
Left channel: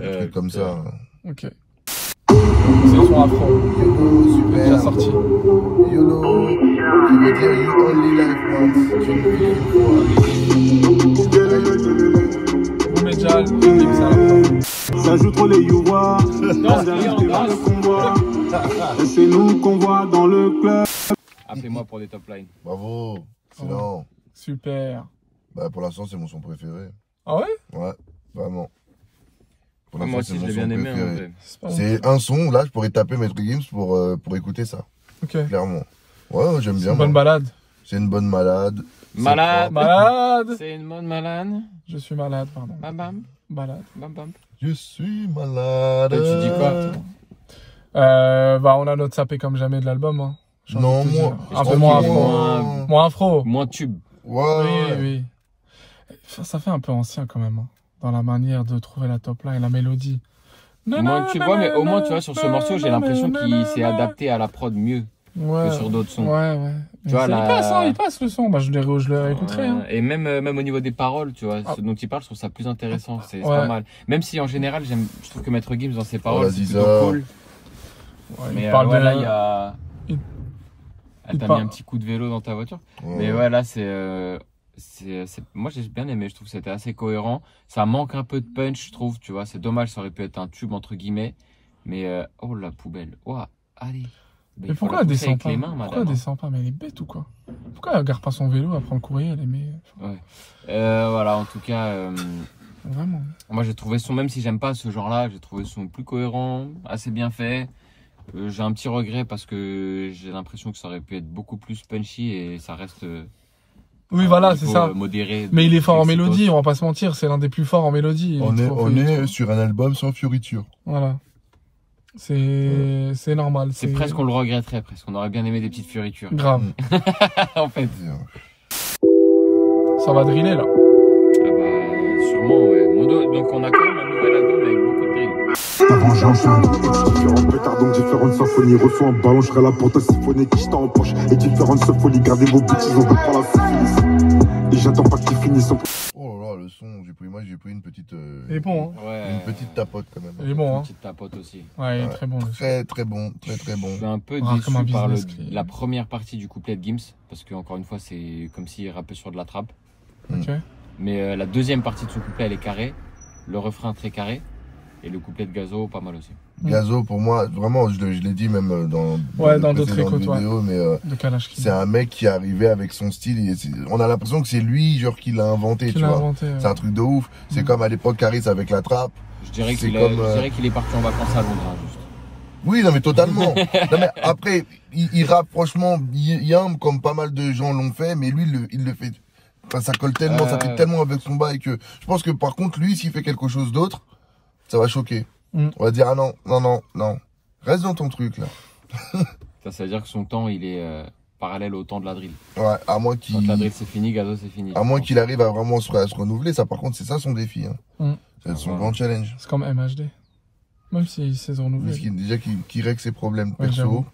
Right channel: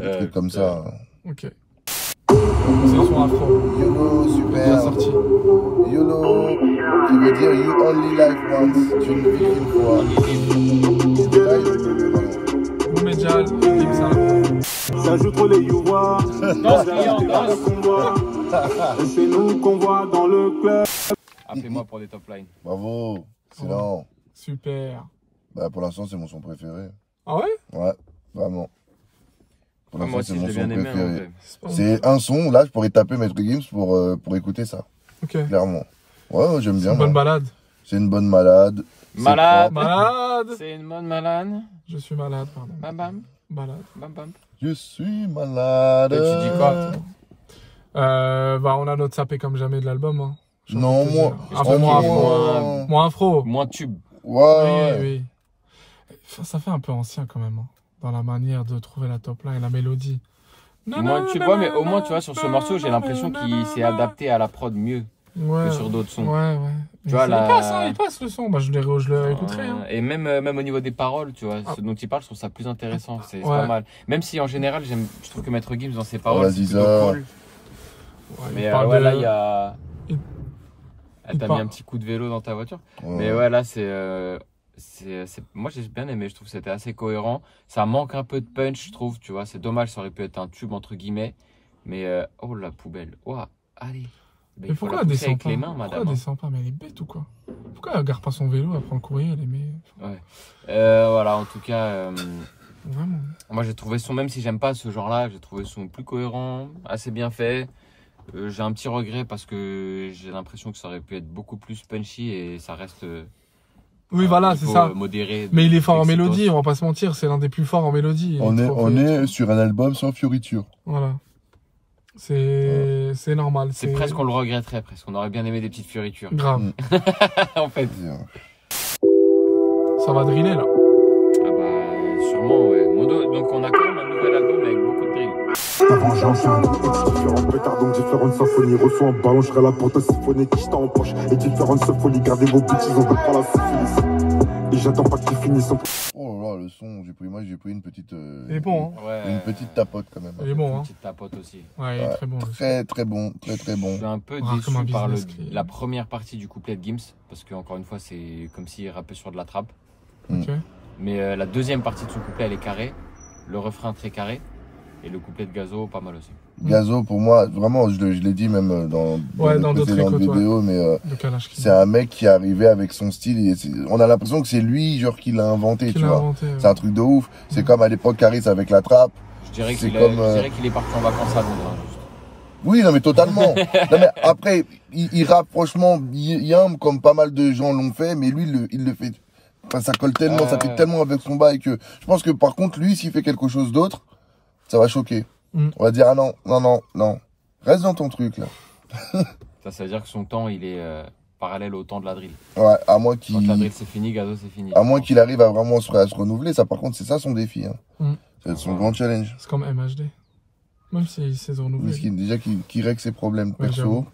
un truc comme ça. ok. C'est le son afro. YOLO, super. Bien sorti. YOLO, qui veut dire You Only Live Once. Tu ne vis qu'une fois. Live. Boum et Jal, et Gims à la fin. Ça joue trop les youvois. Danse, client, danse. Et c'est nous qu'on voit dans le club. Appelez-moi pour des top lines. Bravo. Excellent. Super. Pour l'instant, c'est mon son préféré. Ah ouais? Ouais, vraiment. Pour Moi l'instant, aussi, c'est je mon l'ai bien son aimé, en préféré. vrai. C'est un son, là, je pourrais taper Maître Gims pour écouter ça. Ok. Clairement. Ouais, j'aime bien. Une bonne balade. C'est une bonne malade. Malade. Malade. C'est une bonne malade. Je suis malade, pardon. Bam bam. Malade. Bam bam. Je suis malade. Et tu dis quoi, On a notre sapé comme jamais de l'album. Hein. Non, moi. Un peu moins afro. moins- Moins afro. Moins tube. Ouais. Oui. Ça fait un peu ancien quand même. Hein, dans la manière de trouver la top line et la mélodie. Moins tube, ouais, mais au moins, tu vois, sur ce morceau, j'ai l'impression qu'il s'est adapté à la prod mieux que sur d'autres sons. Ouais. Tu vois, Il passe le son. Je le réécouterai. Hein. Et même au niveau des paroles, tu vois, ce dont il parle, je trouve ça plus intéressant. C'est Ouais. pas mal. Même si en général, je trouve que Maître Gims dans ses paroles, la c'est plutôt Ziza. cool. Ouais, Mais il parle ouais, de- là, il y a. il- Elle t'a parle- mis un petit coup de vélo dans ta voiture. Ouais. Mais ouais, là, moi, j'ai bien aimé. Je trouve que c'était assez cohérent. Ça manque un peu de punch, je trouve. Tu vois, c'est dommage. Ça aurait pu être un tube, entre guillemets. Mais, oh, la poubelle. Oh, allez. Mais Il faut pourquoi la elle pousser descend avec pas? les mains, Pourquoi madame. elle descend pas? Mais elle est bête ou quoi? Pourquoi elle garde pas son vélo, elle prend le courrier, elle est mais... Voilà, en tout cas, Vraiment. moi, j'ai trouvé son, même si j'aime pas ce genre-là, j'ai trouvé son plus cohérent, assez bien fait. J'ai un petit regret parce que j'ai l'impression que ça aurait pu être beaucoup plus punchy et ça reste. Oui, voilà, c'est niveau, ça. modéré. Mais il est fort en Excitos. mélodie, on va pas se mentir, c'est l'un des plus forts en mélodie. On est sur un album sans fioriture. Voilà. C'est normal. C'est presque, on le regretterait presque. On aurait bien aimé des petites fioritures. Grave. En fait. Ça va driller là. Ah bah, sûrement, ouais. Donc, on a quand même un nouvel album avec beaucoup de drill. La vengeance, différentes pétards, donc différentes symphonies. Reçois un ballon, je serai là pour te siphonner, qui en poche. Et différentes symphonies, gardez vos bêtises, on va prendre la syphilis. Et j'attends pas qu'ils finissent. Oh là là, le son, j'ai pris une petite. Il est bon, hein. Ouais. Une petite tapote quand même. Il est bon, Une hein. petite tapote aussi. Ouais, il est Ouais. très bon. le son. Très bon, très bon. Je suis un peu Ouais, déçu comme un par business qui- la première partie du couplet de Gims. Parce que, encore une fois, c'est comme s'il rappait sur de la trappe. Ok. Mais la deuxième partie de son couplet, elle est carrée. Le refrain très carré. Et le couplet de Gazo, pas mal aussi. Gazo, pour moi, vraiment, je l'ai dit même dans d'autres écoutes, vidéos, mais Le calage c'est un mec qui est arrivé avec son style. On a l'impression que c'est lui, genre, qui l'a inventé, qui tu l'a vois. inventé. C'est un truc de ouf. C'est comme à l'époque Caris avec la trappe. Je dirais C'est qu'il comme, est parti en vacances à Londres, hein, juste. Oui, non, mais totalement. Non, mais après, il rappe franchement bien, comme pas mal de gens l'ont fait, mais lui, il le fait. Enfin, ça colle tellement, ça fait tellement avec son bail que je pense que par contre, lui, s'il fait quelque chose d'autre, ça va choquer. On va dire, ah non, non, non, non. Reste dans ton truc, là. Ça veut dire que son temps, il est parallèle au temps de la drill. Ouais, à moins qu'il. Quand la drill c'est fini, Gazo c'est fini. À moins qu'il arrive à vraiment se renouveler, ça par contre, c'est ça son défi. Hein. C'est son grand challenge. C'est comme MHD. Même s'il sait se renouveler. Déjà qu'il règle ses problèmes perso.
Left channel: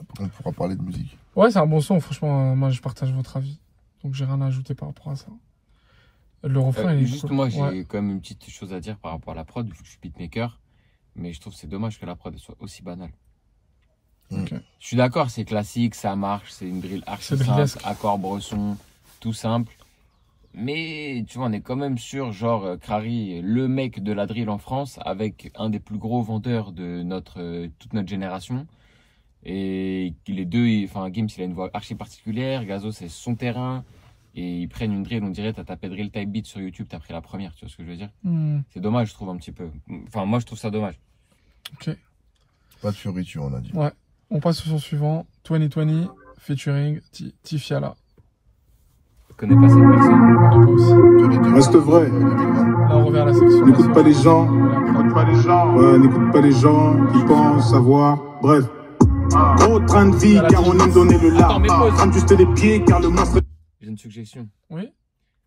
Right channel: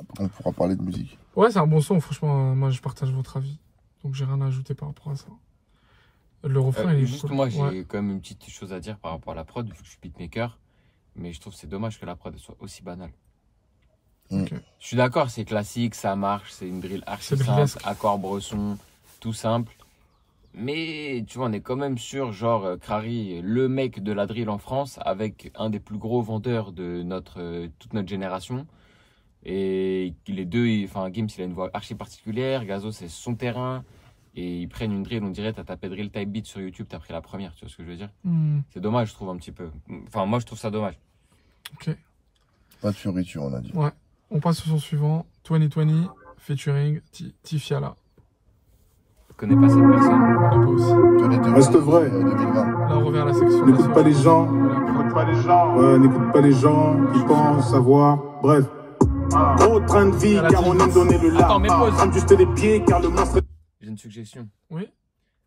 Après, on pourra parler de musique. Ouais, c'est un bon son, franchement. Moi, je partage votre avis. Donc, j'ai rien à ajouter par rapport à ça. Le refrain, il est juste cool. moi, j'ai quand même une petite chose à dire par rapport à la prod, vu que je suis beatmaker. Mais je trouve que c'est dommage que la prod soit aussi banale. Okay. Je suis d'accord, c'est classique, ça marche, c'est une drill archi simple, accord bresson, tout simple. Mais tu vois, on est quand même sur, genre, Krari, le mec de la drill en France, avec un des plus gros vendeurs de toute notre génération. Et les deux, enfin, Gims, il a une voix archi particulière, Gazo, c'est son terrain. Et ils prennent une drill, on dirait, t'as tapé drill type beat sur YouTube, t'as pris la première, tu vois ce que je veux dire? C'est dommage, je trouve, un petit peu. Enfin, moi, je trouve ça dommage. Ok. Pas de fioriture, on a dit. Ouais. On passe au son suivant, 2020, featuring Tifiala. Je connais pas cette personne. On connaît pas aussi. Reste vrai. Là, on revient à la section. N'écoute pas les gens. N'écoute pas les gens qui pensent savoir. Bref. Gros train de vie, car on aime donner le Attends, mais pause. Juste les pieds, car le monstre. J'ai une suggestion. Oui.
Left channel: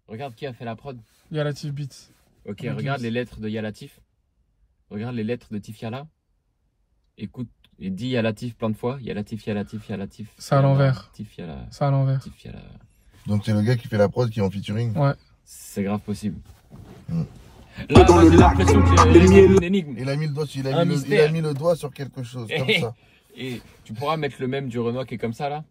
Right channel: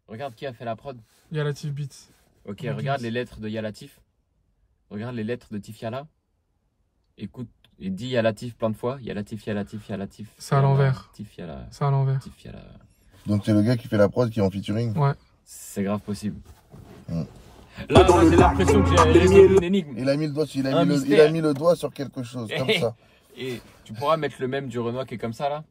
Regarde qui a fait la prod. Yalatif Beats. Ok, regarde les lettres de Yalatif. Regarde les lettres de Tifiala. Écoute, et dis Yalatif plein de fois. Yalatif, Yalatif, Yalatif. C'est à l'envers. Tifiala. C'est à l'envers. Tifiala. Donc c'est le gars qui fait la prod qui est en featuring. Ouais. C'est grave possible. Là, j'ai l'impression que j'ai résolu une énigme. Il a mis le doigt sur quelque chose, comme ça. Et tu pourras mettre le même du Renoir qui est comme ça, là?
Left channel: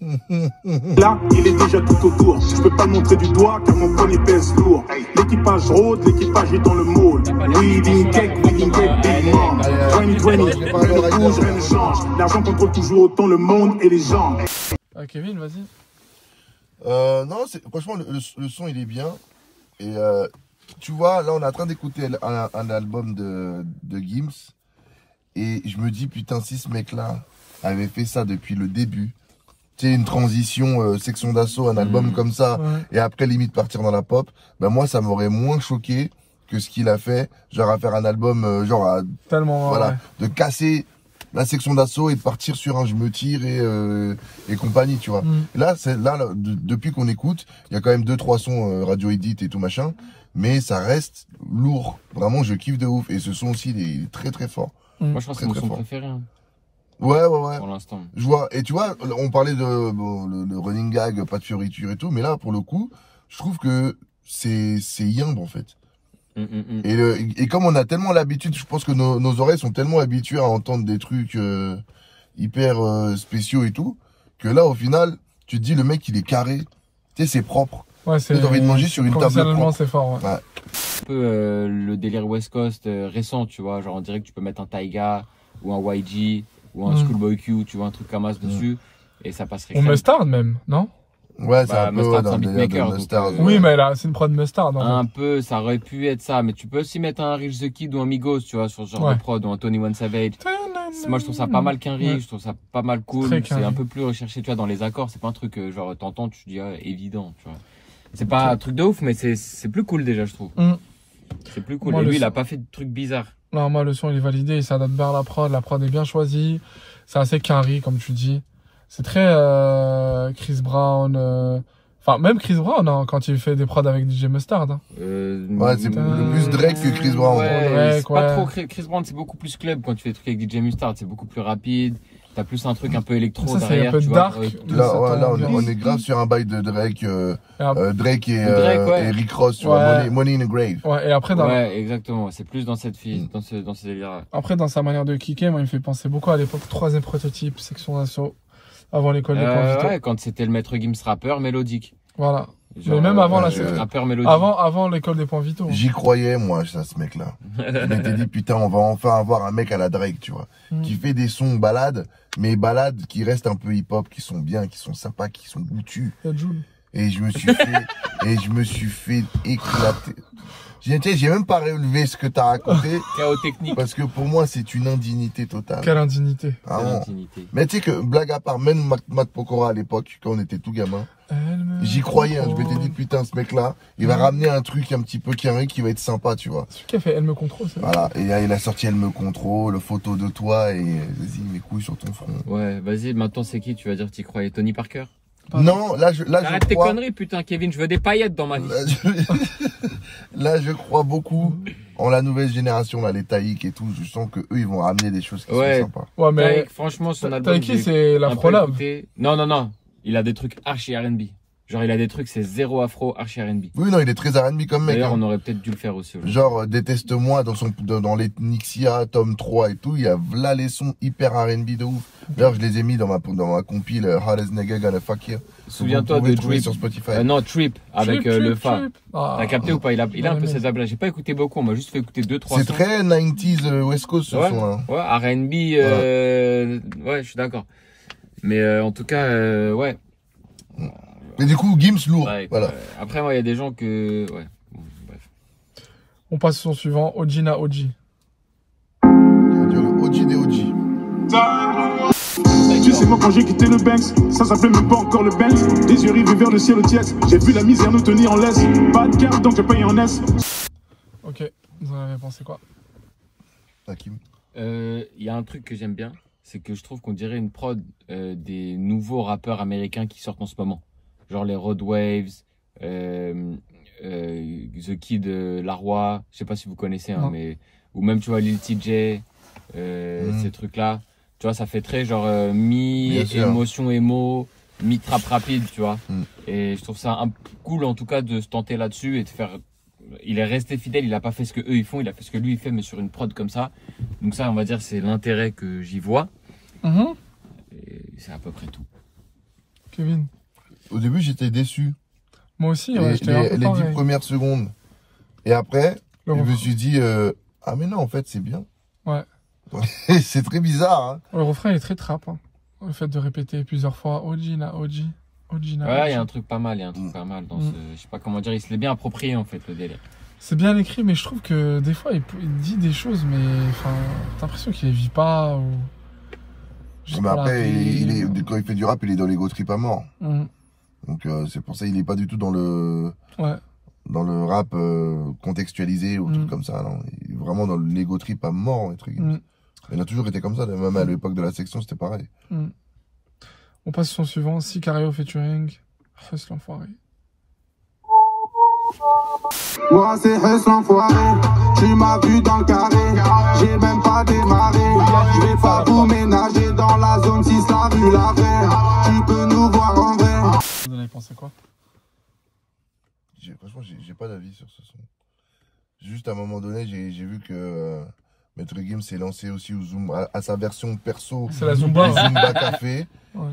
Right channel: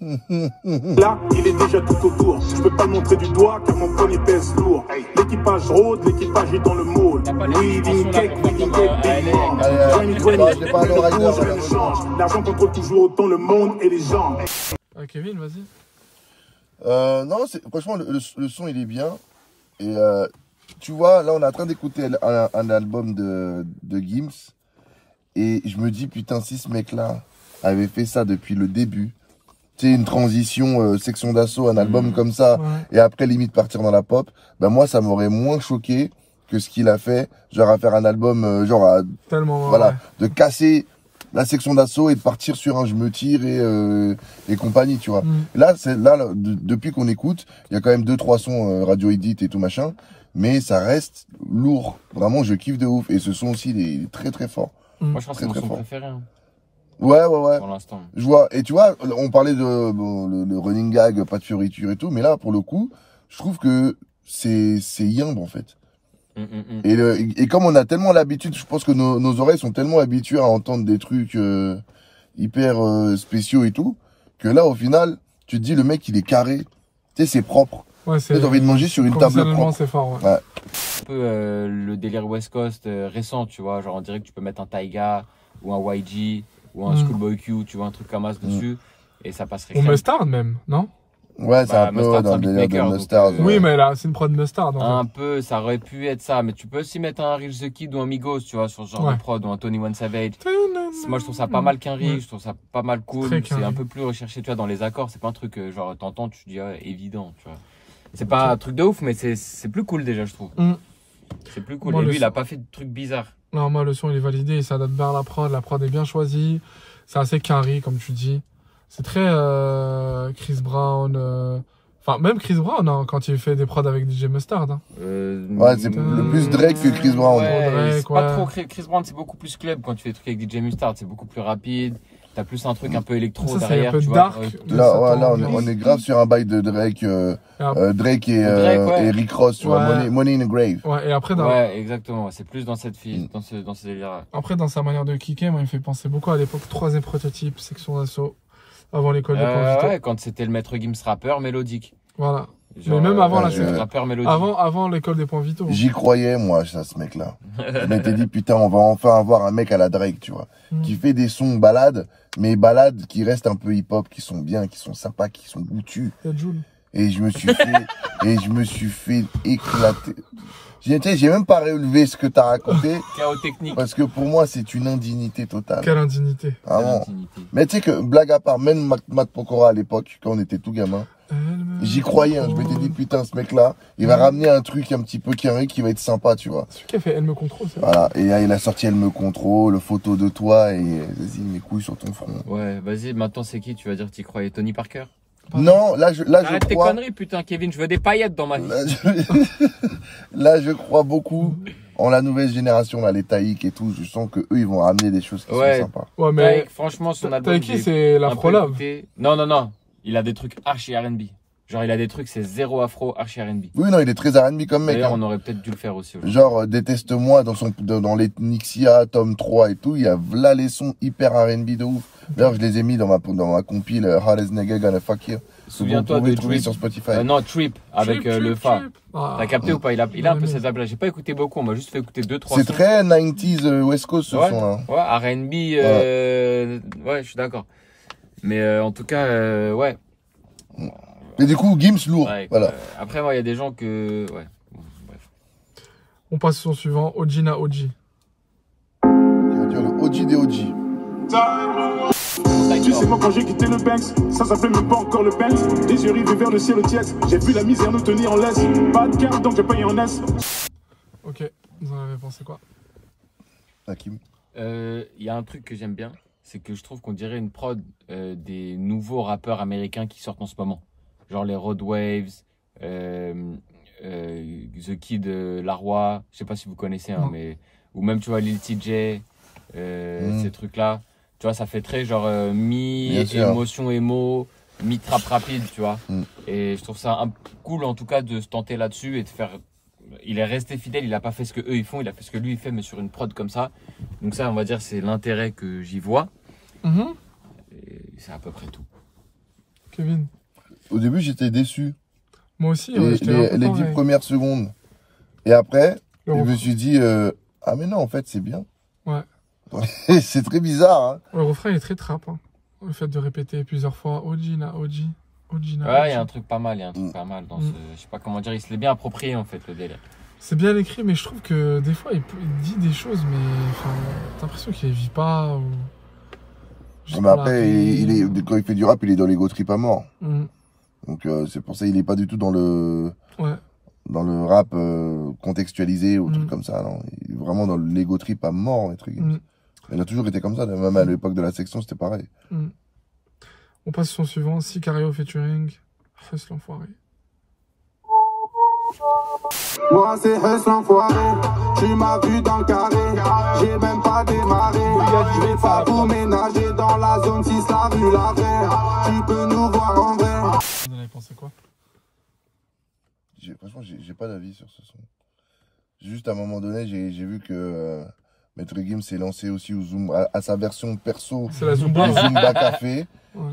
Là, il est déjà tout autour. Je peux pas montrer du doigt car mon poignet pèse lourd. L'équipage rôde, l'équipage est dans le moule. T'as pas les extensions là pour faire comme à LA avec l'argent contrôle toujours autant le monde et les gens. Kevin, vas-y. Non, franchement, le son, il est bien. Et tu vois, là, on est en train d'écouter un album de Gims. Et je me dis, putain, si ce mec-là avait fait ça depuis le début, tu sais, une transition, section d'assaut, un album comme ça, et après, limite, partir dans la pop, ben moi, ça m'aurait moins choqué que ce qu'il a fait, genre à faire un album, tellement, voilà, de casser la section d'assaut et de partir sur un je me tire et compagnie, tu vois. Là, depuis qu'on écoute, il y a quand même 2-3 sons radio edit et tout machin, mais ça reste lourd. Vraiment, je kiffe de ouf. Et ce son aussi, il est très très fort. Moi, je crois que c'est mon son préféré. Hein. Ouais. Pour l'instant. Je vois. Et tu vois, on parlait de le running gag, pas de fioriture et tout, mais là, pour le coup, je trouve que c'est yimbe en fait. Et comme on a tellement l'habitude, je pense que nos oreilles sont tellement habituées à entendre des trucs hyper spéciaux et tout, que là, au final, tu te dis, le mec, il est carré. Tu sais, c'est propre. Ouais, tu as envie de manger sur une table propre. C'est fort, ouais. Un peu le délire West Coast récent, tu vois. Genre, on dirait que tu peux mettre un Taiga ou un YG ou un Schoolboy Q, tu vois, un truc comme ça dessus. Et ça passerait. Ou Mustard même, non? Ouais, c'est un peu Mustard, dans c'est un beatmaker. Mustard. Oui, mais là, c'est une prod Mustard. Un peu, ça aurait pu être ça. Mais tu peux aussi mettre un Rich the Kid ou un Migos, tu vois, sur ce genre de prod, ou un 21 Savage. Moi, je trouve ça pas mal qu'un Rich, je trouve ça pas mal cool. C'est un peu plus recherché, tu vois, dans les accords. C'est pas un truc, genre, t'entends, tu te dis, évident, tu vois. C'est pas un truc de ouf, mais c'est plus cool déjà, je trouve. C'est plus cool. Moi, et lui, il a pas fait de trucs bizarres. Non, moi, le son, il est validé. Il s'adapte bien à la prod. La prod est bien choisie. C'est assez carré, comme tu dis. C'est très Chris Brown. Enfin, même Chris Brown, hein, quand il fait des prods avec DJ Mustard. Hein. Ouais, c'est plus Drake que Chris Brown. Ouais, c'est pas trop Chris Brown, c'est beaucoup plus club quand tu fais des trucs avec DJ Mustard. C'est beaucoup plus rapide. T'as plus un truc un peu électro ça, derrière, un peu tu dark, vois. Là, on est grave sur un bail de Drake. Drake et Rick Ross, tu vois, Money in a Grave. Ouais, et après, ouais, exactement. C'est plus dans cette dans ce délire-là. Après, dans sa manière de kicker, moi, il me fait penser beaucoup à l'époque 3e prototype, section d'assaut, avant l'école de Convito. Ouais, quand c'était le maître Gims rappeur mélodique. Voilà. Genre, mais même avant rappeur mélodique. Avant l'école des points vitaux. J'y croyais, moi, à ce mec-là. Je m'étais dit, putain, on va enfin avoir un mec à la Drake, tu vois, qui fait des sons balades, mais balades qui restent un peu hip-hop, qui sont bien, qui sont sympas, qui sont goûtus. Et je me suis fait éclater. J'ai même pas relevé ce que t'as raconté. Chaos technique. Parce que pour moi, c'est une indignité totale. Quelle indignité. Ah bon. Mais tu sais que, blague à part, même Matt Pokora à l'époque, quand on était tout gamin, j'y croyais, hein, je m'étais dit, putain, ce mec-là, il va ramener un truc un petit peu qui va être sympa, tu vois. Celui qui a fait Elle me contrôle, c'est Voilà, et là, il a sorti Elle me contrôle, photo de toi, et vas-y, mes couilles sur ton front. Ouais, vas-y, maintenant c'est qui? Tu vas dire que t'y croyais? Tony Parker? Non, là, arrête tes conneries, putain, Kevin, je veux des paillettes dans ma vie. Là, je crois beaucoup en la nouvelle génération, là, les Taïk et tout. Je sens que eux, ils vont ramener des choses qui sont sympas. Ouais, mais Taïk, franchement, son album. Taïk, c'est l'Afro-Love. Non. Il a des trucs archi R&B. Genre, il a des trucs, c'est zéro afro, archi R&B. Oui, non, il est très R&B comme mec. D'ailleurs, hein. on aurait peut-être dû le faire aussi. Genre, Déteste-moi, dans les Nixia, tome 3 et tout, il y a là les sons hyper R&B de ouf. D'ailleurs, je les ai mis dans ma compile Hardest Nigga Gonna Fuck You. Souviens-toi de Trip. Sur Spotify. Non, Trip, avec le Fa. Ah. T'as capté ou pas? Il a un peu ces ablages. J'ai pas écouté beaucoup, on m'a juste fait écouter 2-3 sons. C'est très 90s West Coast ce son-là. Ouais, R&B, ouais, je suis d'accord. Mais en tout cas, ouais. Et du coup, Gims lourd. Ouais, voilà. Après, moi, il y a des gens que. Ouais. Bon, bref. On passe au son suivant, Ojina OG. Ça veut dire le OG des OG. Tu sais, moi quand j'ai quitté le Banks, ça s'appelait même pas encore le Benz. Les yeux rivés vers le ciel au tiède. J'ai vu la misère nous tenir en laisse. Pas de carte donc j'ai payé en S. Ok, vous en avez pensé quoi? Hakim. Il y a un truc que j'aime bien, c'est que je trouve qu'on dirait une prod des nouveaux rappeurs américains qui sortent en ce moment. Genre les Road Waves, The Kid Laroi, je sais pas si vous connaissez, hein, mais ou même tu vois Lil TJ, ces trucs-là. Tu vois, ça fait très genre mi-émotion émo, mi-trap rapide, tu vois. Et je trouve ça cool en tout cas de se tenter là-dessus et de faire. Il est resté fidèle, il a pas fait ce que eux ils font, il a fait ce que lui il fait, mais sur une prod comme ça. Donc ça, on va dire, c'est l'intérêt que j'y vois. Et c'est à peu près tout. Kevin? Au début, j'étais déçu. Moi aussi, les 10 premières secondes. Et après, je me suis dit, ah mais non, en fait, c'est bien. Ouais. C'est très bizarre. Hein. Le refrain il est très trap. Hein. Le fait de répéter plusieurs fois Ojina, OG. Ouais, il y a un truc pas mal, dans ce. Je sais pas comment dire, il se l'est bien approprié en fait, le délire. C'est bien écrit, mais je trouve que des fois il dit des choses, mais enfin, t'as l'impression qu'il les vit pas. Ou... Mais après, quand il fait du rap, il est dans l'ego trip à mort. Donc c'est pour ça qu'il est pas du tout dans le rap contextualisé ou truc comme ça. Non. Il est vraiment dans l'ego trip à mort, les trucs. Il a toujours été comme ça, même à l'époque de la section, c'était pareil. On passe au son suivant, Sicario featuring Huss l'enfoiré. Ouais, c'est Huss l'enfoiré. Tu m'as vu dans le carré. J'ai même pas démarré. Je vais pas vous ménager dans la zone 6, la rue la Verre. Tu peux nous voir en vrai. Vous en avez pensé quoi? Franchement, j'ai pas d'avis sur ce son. Juste à un moment donné, j'ai vu que Maître Gims s'est lancé aussi au Zoom, à sa version perso. C'est la Zumba. Zumba Café.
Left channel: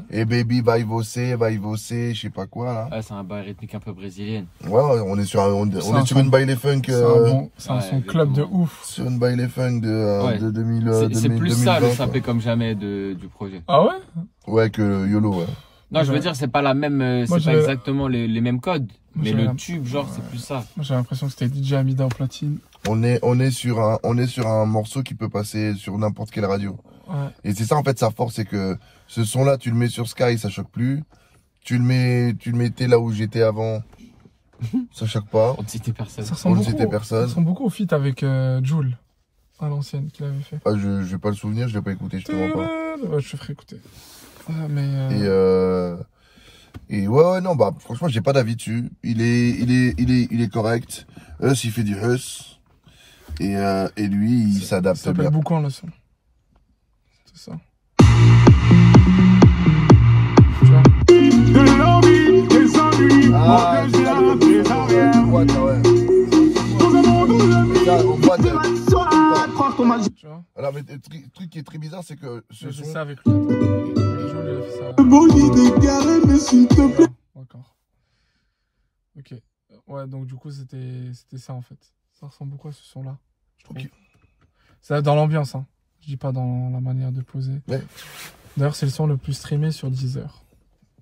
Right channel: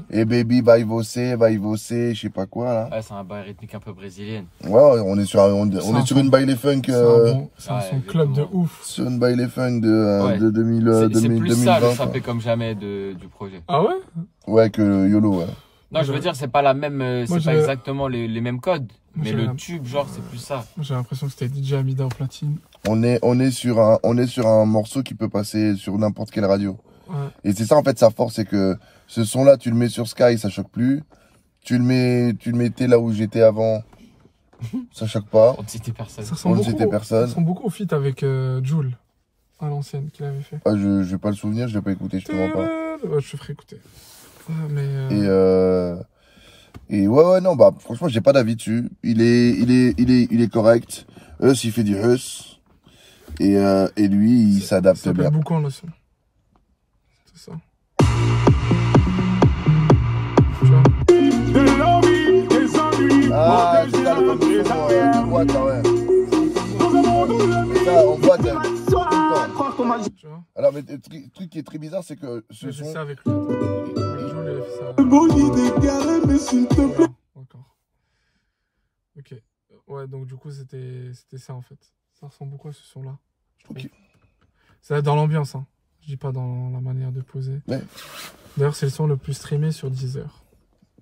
Et Baby va y bosser, je sais pas quoi là. Ouais, c'est un bail rythmique un peu brésilienne. Ouais, on est sur une baile funk. C'est un son club de ouf. Sur une baile funk de 2000. C'est plus ça le sapé comme jamais du projet. Ah ouais? Ouais, que YOLO, ouais. Non, je veux dire, c'est pas la même, c'est pas exactement les mêmes codes. Mais le tube, genre, c'est plus ça. J'ai l'impression que c'était DJ Amida au platine. On est sur un morceau qui peut passer sur n'importe quelle radio. Ouais. Et c'est ça en fait sa force, c'est que ce son là tu le mets sur Sky, ça choque plus. Tu le mettais là où j'étais avant, ça choque pas. On ne citait personne. Ça ressemble beaucoup au feat avec Jul, à l'ancienne, qu'il avait fait. Ah, je n'ai pas le souvenir, je l'ai pas écouté, je te mens pas. Ouais, je te ferai écouter. Mais et ouais, non, bah franchement j'ai pas d'avis dessus. Il est correct. Huss il fait du Huss. Et lui il s'adapte bien. Ça s'appelle Boucan le son. C'est ça. Ah, c'est ça le de boîte là, ouais. Et ça, on voit tout le temps. Alors, mais le truc qui est très bizarre, c'est que ce son... ça avec lui. Avec Joel, il a fait ça. D'accord. Ok. Ouais, donc du coup, c'était ça en fait. Ça ressemble beaucoup à ce son-là. Ok. C'est dans l'ambiance, hein. Je dis pas dans la manière de poser. Ouais. D'ailleurs, c'est le son le plus streamé sur Deezer.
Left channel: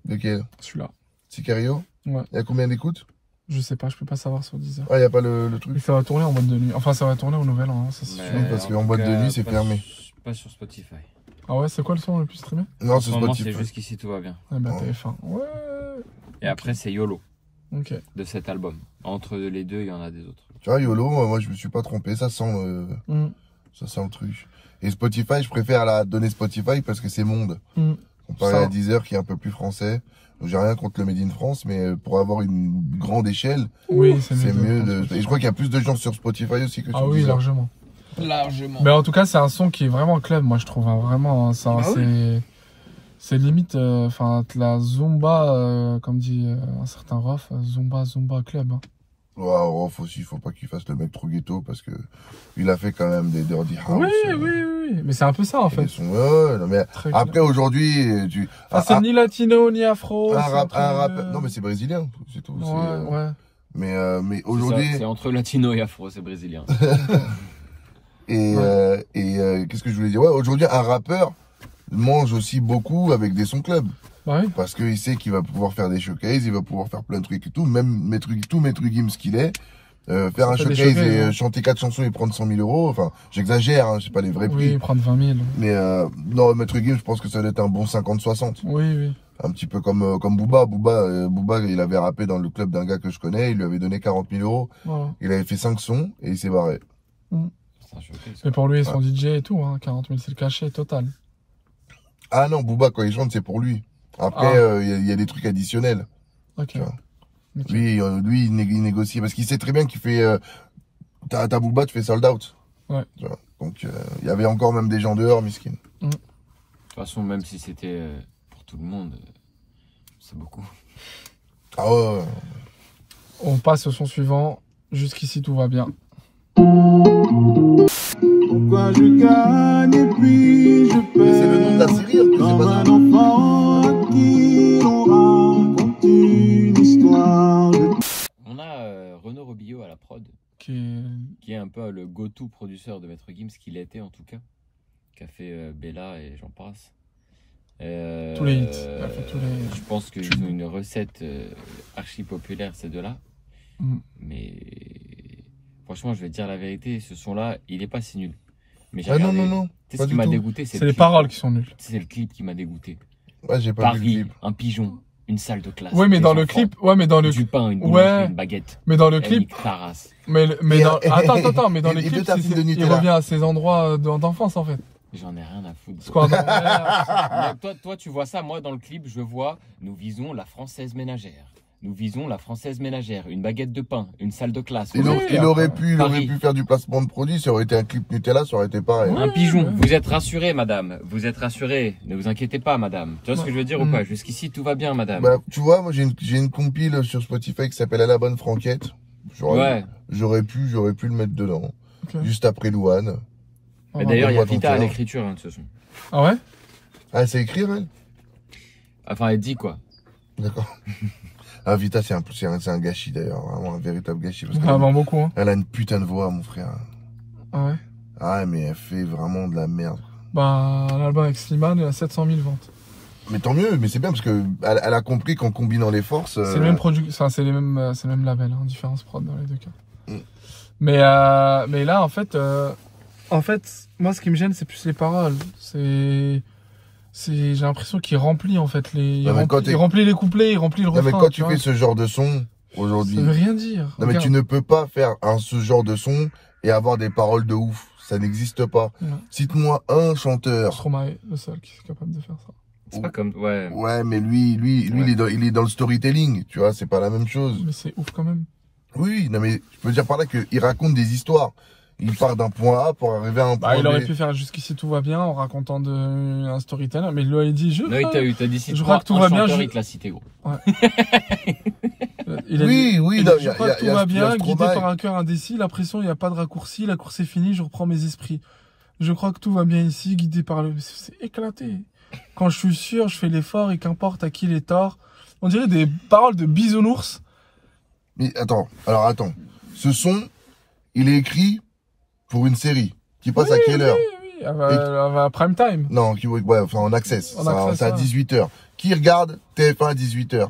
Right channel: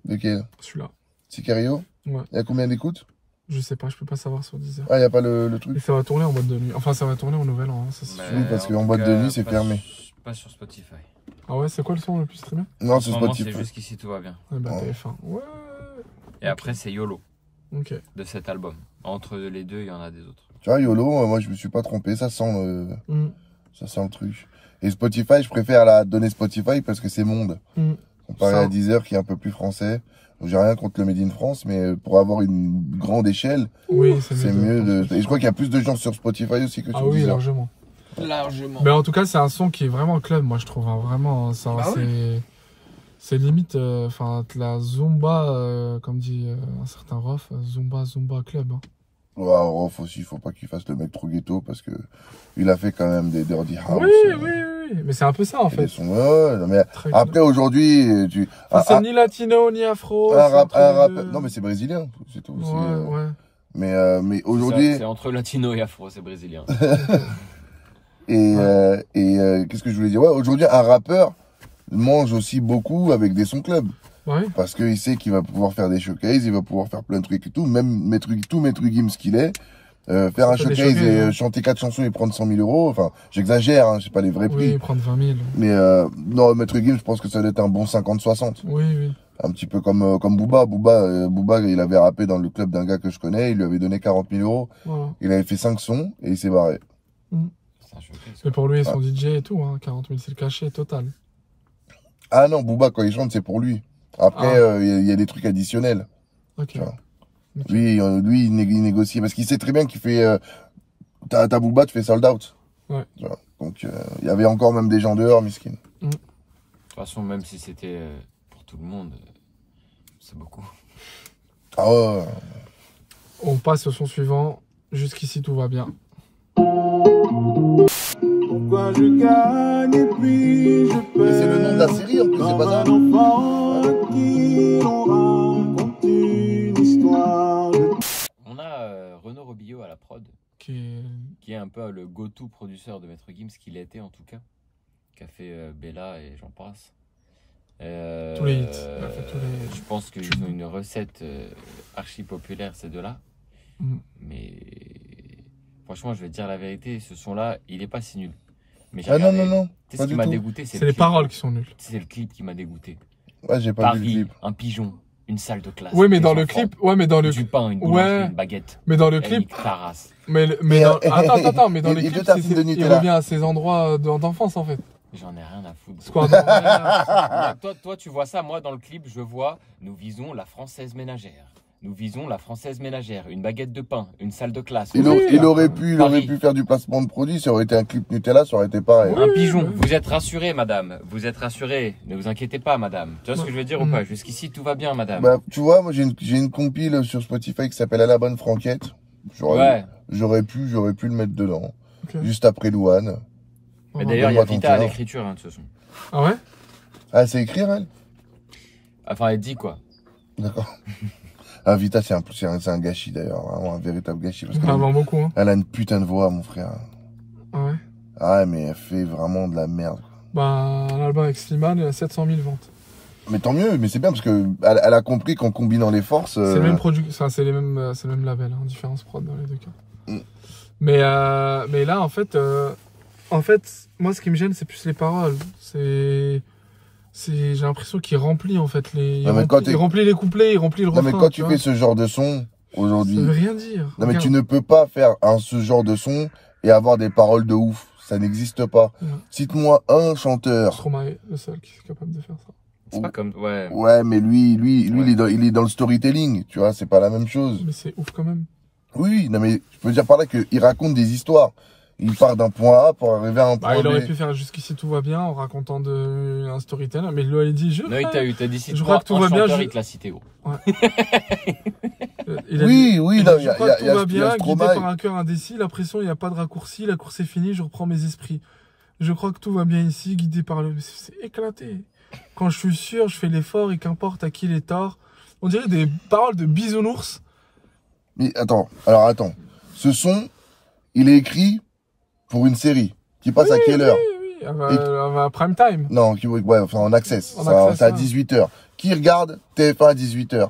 Lequel? Celui-là. Sicario? Ouais. Il y a combien d'écoutes? Je sais pas, je peux pas savoir sur Deezer. Ah, y a pas le truc. Mais ça va tourner en boîte de nuit. Enfin, ça va tourner en nouvel an, hein, ça c'est sûr. Oui, parce en qu'en tout boîte de cas, nuit, c'est pas fermé. Pas sur Spotify. Ah ouais, c'est quoi le son le plus streamé? Non, En c'est ce moment, Spotify. c'est jusqu'ici tout va bien. Ah bah Ouais. TF1. Ouais. Et après, c'est YOLO Ok. de cet album. Entre les deux, il y en a des autres. Tu vois, YOLO, moi, je me suis pas trompé. Ça sent le truc. Et Spotify, je préfère la donner Spotify parce que c'est monde. Comparé Ça. à Deezer qui est un peu plus français. Donc, j'ai rien contre le Made in France, mais pour avoir une grande échelle, Oui, c'est mieux de... Et je crois qu'il y a plus de gens sur Spotify aussi que sur Ah oui, Deezer. largement. Largement. Mais en tout cas, c'est un son qui est vraiment club, moi je trouve. Hein, vraiment, Bah c'est limite, enfin, la Zumba, comme dit un certain Rof, Zumba club. Hein. Wow, Rof aussi, il faut pas qu'il fasse le mec trop ghetto parce que il a fait quand même des dirty house. Oui. Mais c'est un peu ça en fait. Ils sont... ouais, non, mais Très après, aujourd'hui, tu... c'est ni latino ni afro. un c'est entre rap... les deux. Non, mais c'est brésilien, c'est tout. Ouais. Mais aujourd'hui... C'est entre latino et afro, c'est brésilien. Qu'est-ce que je voulais dire? Ouais, aujourd'hui, un rappeur mange aussi beaucoup avec des sons club. Bah oui. Parce qu'il sait qu'il va pouvoir faire des showcases, il va pouvoir faire plein de trucs et tout. Même Maître Gims qu'il est, faire un showcase et chanter 4 chansons et prendre 100 000 euros. Enfin, j'exagère, hein, je sais pas les vrais prix. Oui, prendre 20 000. Mais non, Maître Gims, je pense que ça va être un bon 50-60. Oui. Un petit peu comme Booba. Booba, il avait rappé dans le club d'un gars que je connais, il lui avait donné 40 000 euros. Voilà. Il avait fait 5 sons et il s'est barré. C'est un showcase. Mais pour lui, son DJ et tout, hein, 40 000 c'est le cachet total. Ah non, Booba, quand il chante, c'est pour lui. Après, il y a des trucs additionnels. Ok. Tu vois. Lui, il négocie parce qu'il sait très bien qu'il fait. Ta Booba, tu fais sold out. Ouais. Tu vois. Donc, il y avait encore même des gens dehors, miskin. De toute façon, même si c'était pour tout le monde, c'est beaucoup. Ah ouais. On passe au son suivant. Jusqu'ici, tout va bien. Pourquoi je gagne et puis je Mais c'est le nom de la série en plus, c'est pas ça? On a Renaud Robillot à la prod, qui est un peu le go-to producteur de Maître Gims, qu'il était en tout cas, qui a fait Bella et j'en passe. Tous les hits. Il a fait tous les... Je pense qu'ils ont une recette archi populaire, ces deux-là. Mais franchement, je vais te dire la vérité, ce son-là, il est pas si nul. Mais j'ai regardé. Non. Tu sais ce qui m'a dégoûté, c'est les paroles qui sont nulles. C'est le clip qui m'a dégoûté. Ouais, j'ai pas vu le Paris, clip. un pigeon, une salle de classe. Oui, mais des dans le enfants, clip, du pain, une boulangerie, une baguette. Mais dans le Elle clip, nique ta race. attends, mais dans Et les clips, deux tartines de il Nutella. revient à ses endroits d'enfance en fait. J'en ai rien à foutre. C'est quoi un Mais toi, tu vois ça. Moi, dans le clip, je vois, nous visons la française ménagère. Nous visons la française ménagère. Une baguette de pain, une salle de classe. Il aurait pu Paris. faire du placement de produit. Ça aurait été un clip Nutella, ça aurait été pareil. Un pigeon. Vous êtes rassurée, madame. Vous êtes rassurée. Ne vous inquiétez pas, madame. Tu vois ce que je veux dire ou pas? Jusqu'ici, tout va bien, madame. Bah, tu vois, moi, j'ai une compile sur Spotify qui s'appelle À la bonne franquette. J'aurais pu le mettre dedans. Okay. Juste après Louane. Mais d'ailleurs, il y a Donne-moi ton Vita à cœur. l'écriture de ce son. Ah ouais? Ah, c'est écrire, elle? Enfin, elle dit quoi? D'accord. Ah, Vita, c'est un gâchis d'ailleurs. Vraiment un véritable gâchis. Parce Ça vend beaucoup, hein. elle a une putain de voix, mon frère. Ah ouais? Ah, mais elle fait vraiment de la merde. Bah, l'album avec Slimane, il a 700 000 ventes. Mais tant mieux, mais c'est bien parce que elle a compris qu'en combinant les forces. C'est le même enfin, c'est le même label, hein, différence prod dans les deux cas. Mm. Mais là, en fait, moi, ce qui me gêne, c'est plus les paroles. J'ai l'impression qu'il remplit, en fait, il remplit les couplets, il remplit le refrain. Non, mais quand tu fais ce genre de son, aujourd'hui. Ça veut rien dire. Non, mais tu ne peux pas faire ce genre de son et avoir des paroles de ouf. Ça n'existe pas. Ouais. Cite-moi un chanteur. Stromae, le seul qui est capable de faire ça. C'est pas comme. Ouais. Ouais, mais lui, Ouais. il est dans le storytelling, tu vois, c'est pas la même chose. Mais c'est ouf quand même. Oui, non, mais je veux dire par là qu'il raconte des histoires. Il part d'un point A pour arriver à un point B. Il aurait pu faire Jusqu'ici tout va bien en racontant un storyteller, mais il lui a dit Non, t'as dit si je tu crois que tout va bien, chanteur, il te l'a cité, gros. Ouais. Oui, il a non, dit, je crois que tout va bien, guidé Stromae. par un cœur indécis, la pression, il n'y a pas de raccourci, la course est finie, je reprends mes esprits. Je crois que tout va bien ici, guidé par le... C'est éclaté. Quand je suis sûr, je fais l'effort et qu'importe à qui les torts. On dirait des paroles de bisounours. Mais attends. Ce son, il est écrit pour une série qui passe à quelle heure? Oui, elle va prime time. Non, ouais, enfin en access. En access, C'est à ouais. 18h. Qui regarde TF1 à 18h?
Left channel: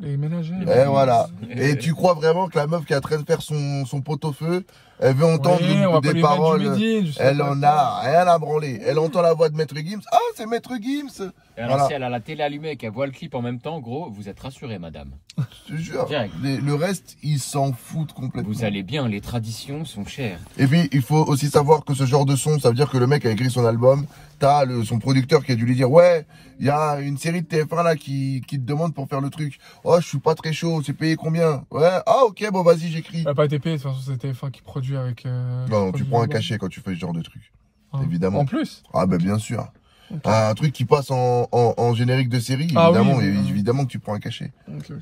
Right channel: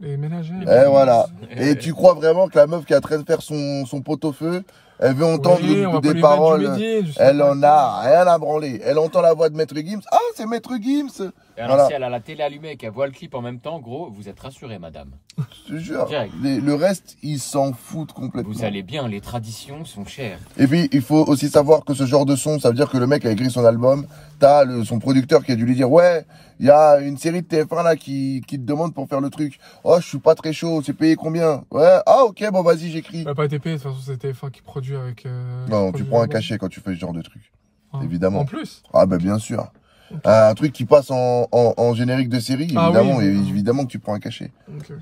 Les ménagères. Et voilà. Et tu crois vraiment que la meuf qui est en train de faire son pot-au-feu, elle veut entendre des paroles, elle en a rien à branler. Elle entend la voix de Maître Gims. Ah, c'est Maître Gims. Et alors, si elle a la télé allumée et qu'elle voit le clip en même temps, gros, vous êtes rassurés, madame. Je te jure. Direct. Le reste, ils s'en foutent complètement. Vous allez bien, les traditions sont chères. Et puis, il faut aussi savoir que ce genre de son, ça veut dire que le mec a écrit son album. T'as son producteur qui a dû lui dire, ouais, il y a une série de TF1 là qui te demande pour faire le truc. Oh, je suis pas très chaud, c'est payé combien? Ouais, ah ok, bon vas-y, j'écris. Bah, pas été payé, de toute façon, c'est TF1 qui produit avec... non, tu prends un cachet quand tu fais ce genre de truc. Ah. Évidemment. En plus? Ah bah bien sûr. Okay. Un truc qui passe en générique de série, évidemment, évidemment que tu prends un cachet. Okay.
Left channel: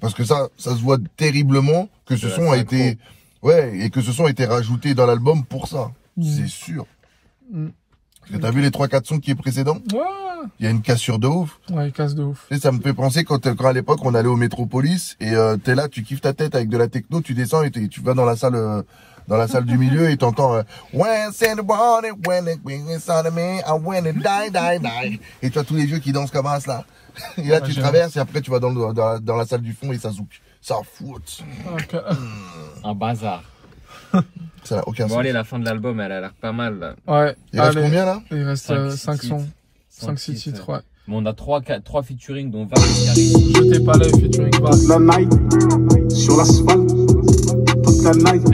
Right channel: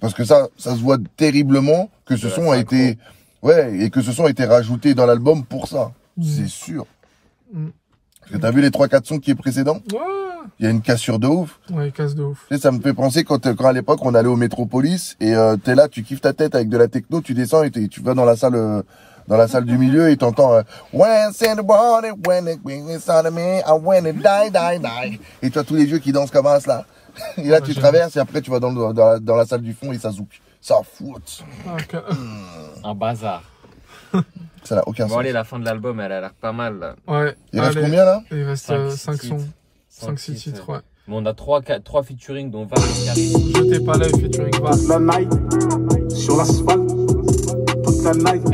Parce que ça se voit terriblement que ce son a été... Ouais, et que ce son a été rajouté dans l'album pour ça. C'est sûr. Parce que t'as vu les 3-4 sons qui est précédents? Ouais. Il y a une cassure de ouf. Ouais, une casse de ouf. Tu sais, ça me fait penser quand à l'époque on allait au Métropolis et t'es là, tu kiffes ta tête avec de la techno, tu descends et tu vas dans la salle du milieu et t'entends et tu as tous les vieux qui dansent comme ça là. Et là tu traverses et après tu vas dans la salle du fond et ça zouk. Ça fout. Okay. Un bazar. Ça n'a aucun sens. Bon allez, la fin de l'album, elle a l'air pas mal là. Ouais. Il reste combien là? Il reste 5 sons. 5-6 titres, ouais. Bon, on a 3 featuring dont Val et Carré. Je t'ai pas l'œil featuring Val. La night, sur l'asphalte, toute la night.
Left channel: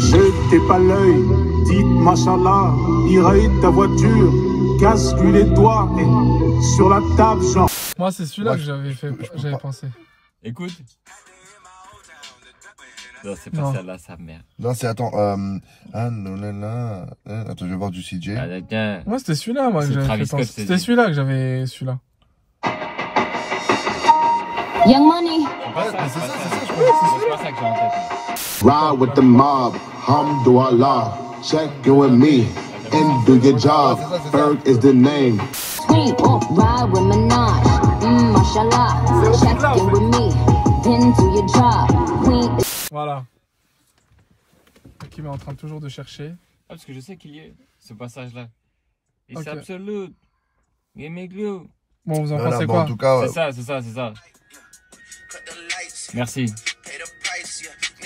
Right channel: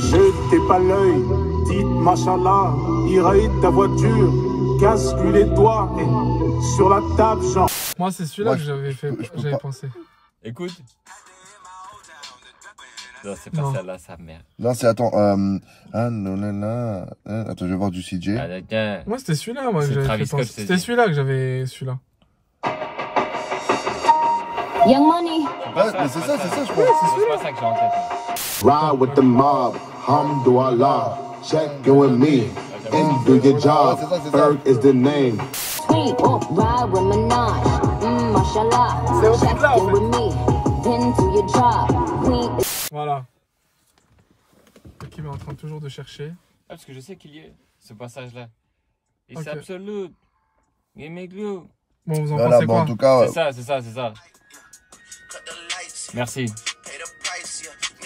Je t'ai pas l'œil, dites machallah, irrite ta voiture, casse-lui les doigts, et sur la table, genre. Moi, c'est celui-là que j'avais pensé. Écoute. Non, c'est pas celle-là, sa mère. Non, c'est, attends, attends, je vais voir du CJ. Moi, c'était celui-là, moi, que Travis Scott, c'était celui-là que j'avais, celui-là. Young Money. C'est ça, je crois. C'est pas ça que j'ai en tête, moi. Ride with the mob, Alhamdulillah, check you and me, and do your job, Ferg is the name. Ride with Minaj, mashallah. C'est au beat là, en fait. Then do your job. Voilà. Kim est en train toujours de chercher. Ah, parce que je sais qu'il y est, ce passage-là. Et c'est absolu. Give me glue. Bon, vous en pensez quoi? En tout cas, c'est ça. Merci.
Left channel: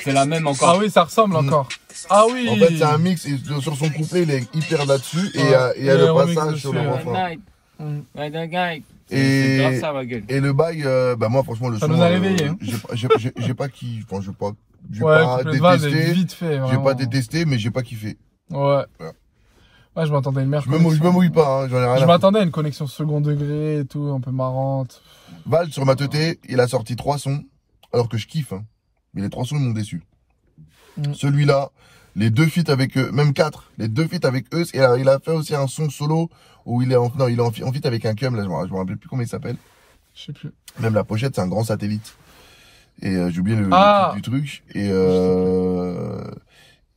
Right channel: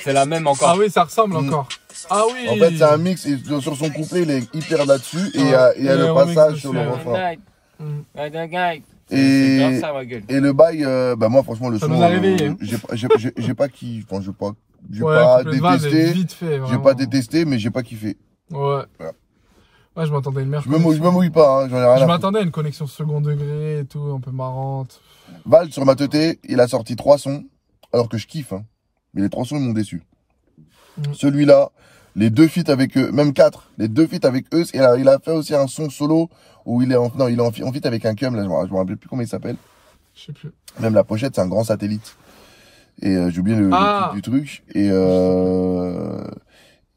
C'est la même encore. Ah oui, ça ressemble encore. Ah oui. En fait, c'est un mix. Et sur son couplet, il est hyper là-dessus. Et il y a le passage sur le refrain. Et le bail, bah moi franchement le ça son, nous a réveillé. J'ai pas kiffé, enfin j'ai pas détesté, j'ai pas détesté, mais j'ai pas kiffé. Ouais. Ouais, je m'attendais à une merde. Je me mouille pas, hein, j'en ai rien. Je m'attendais à une connexion second degré et tout, un peu marrante. Val sur ma teuté, il a sorti 3 sons, alors que je kiffe, hein, mais les 3 sons m'ont déçu. Celui-là, les 2 feats avec eux, même 4, les 2 feats avec eux, et il a fait aussi un son solo où il est en feat avec un cum, là, je me rappelle plus comment il s'appelle. Je sais plus. Même la pochette, c'est un grand satellite. Et j'ai oublié le titre du truc.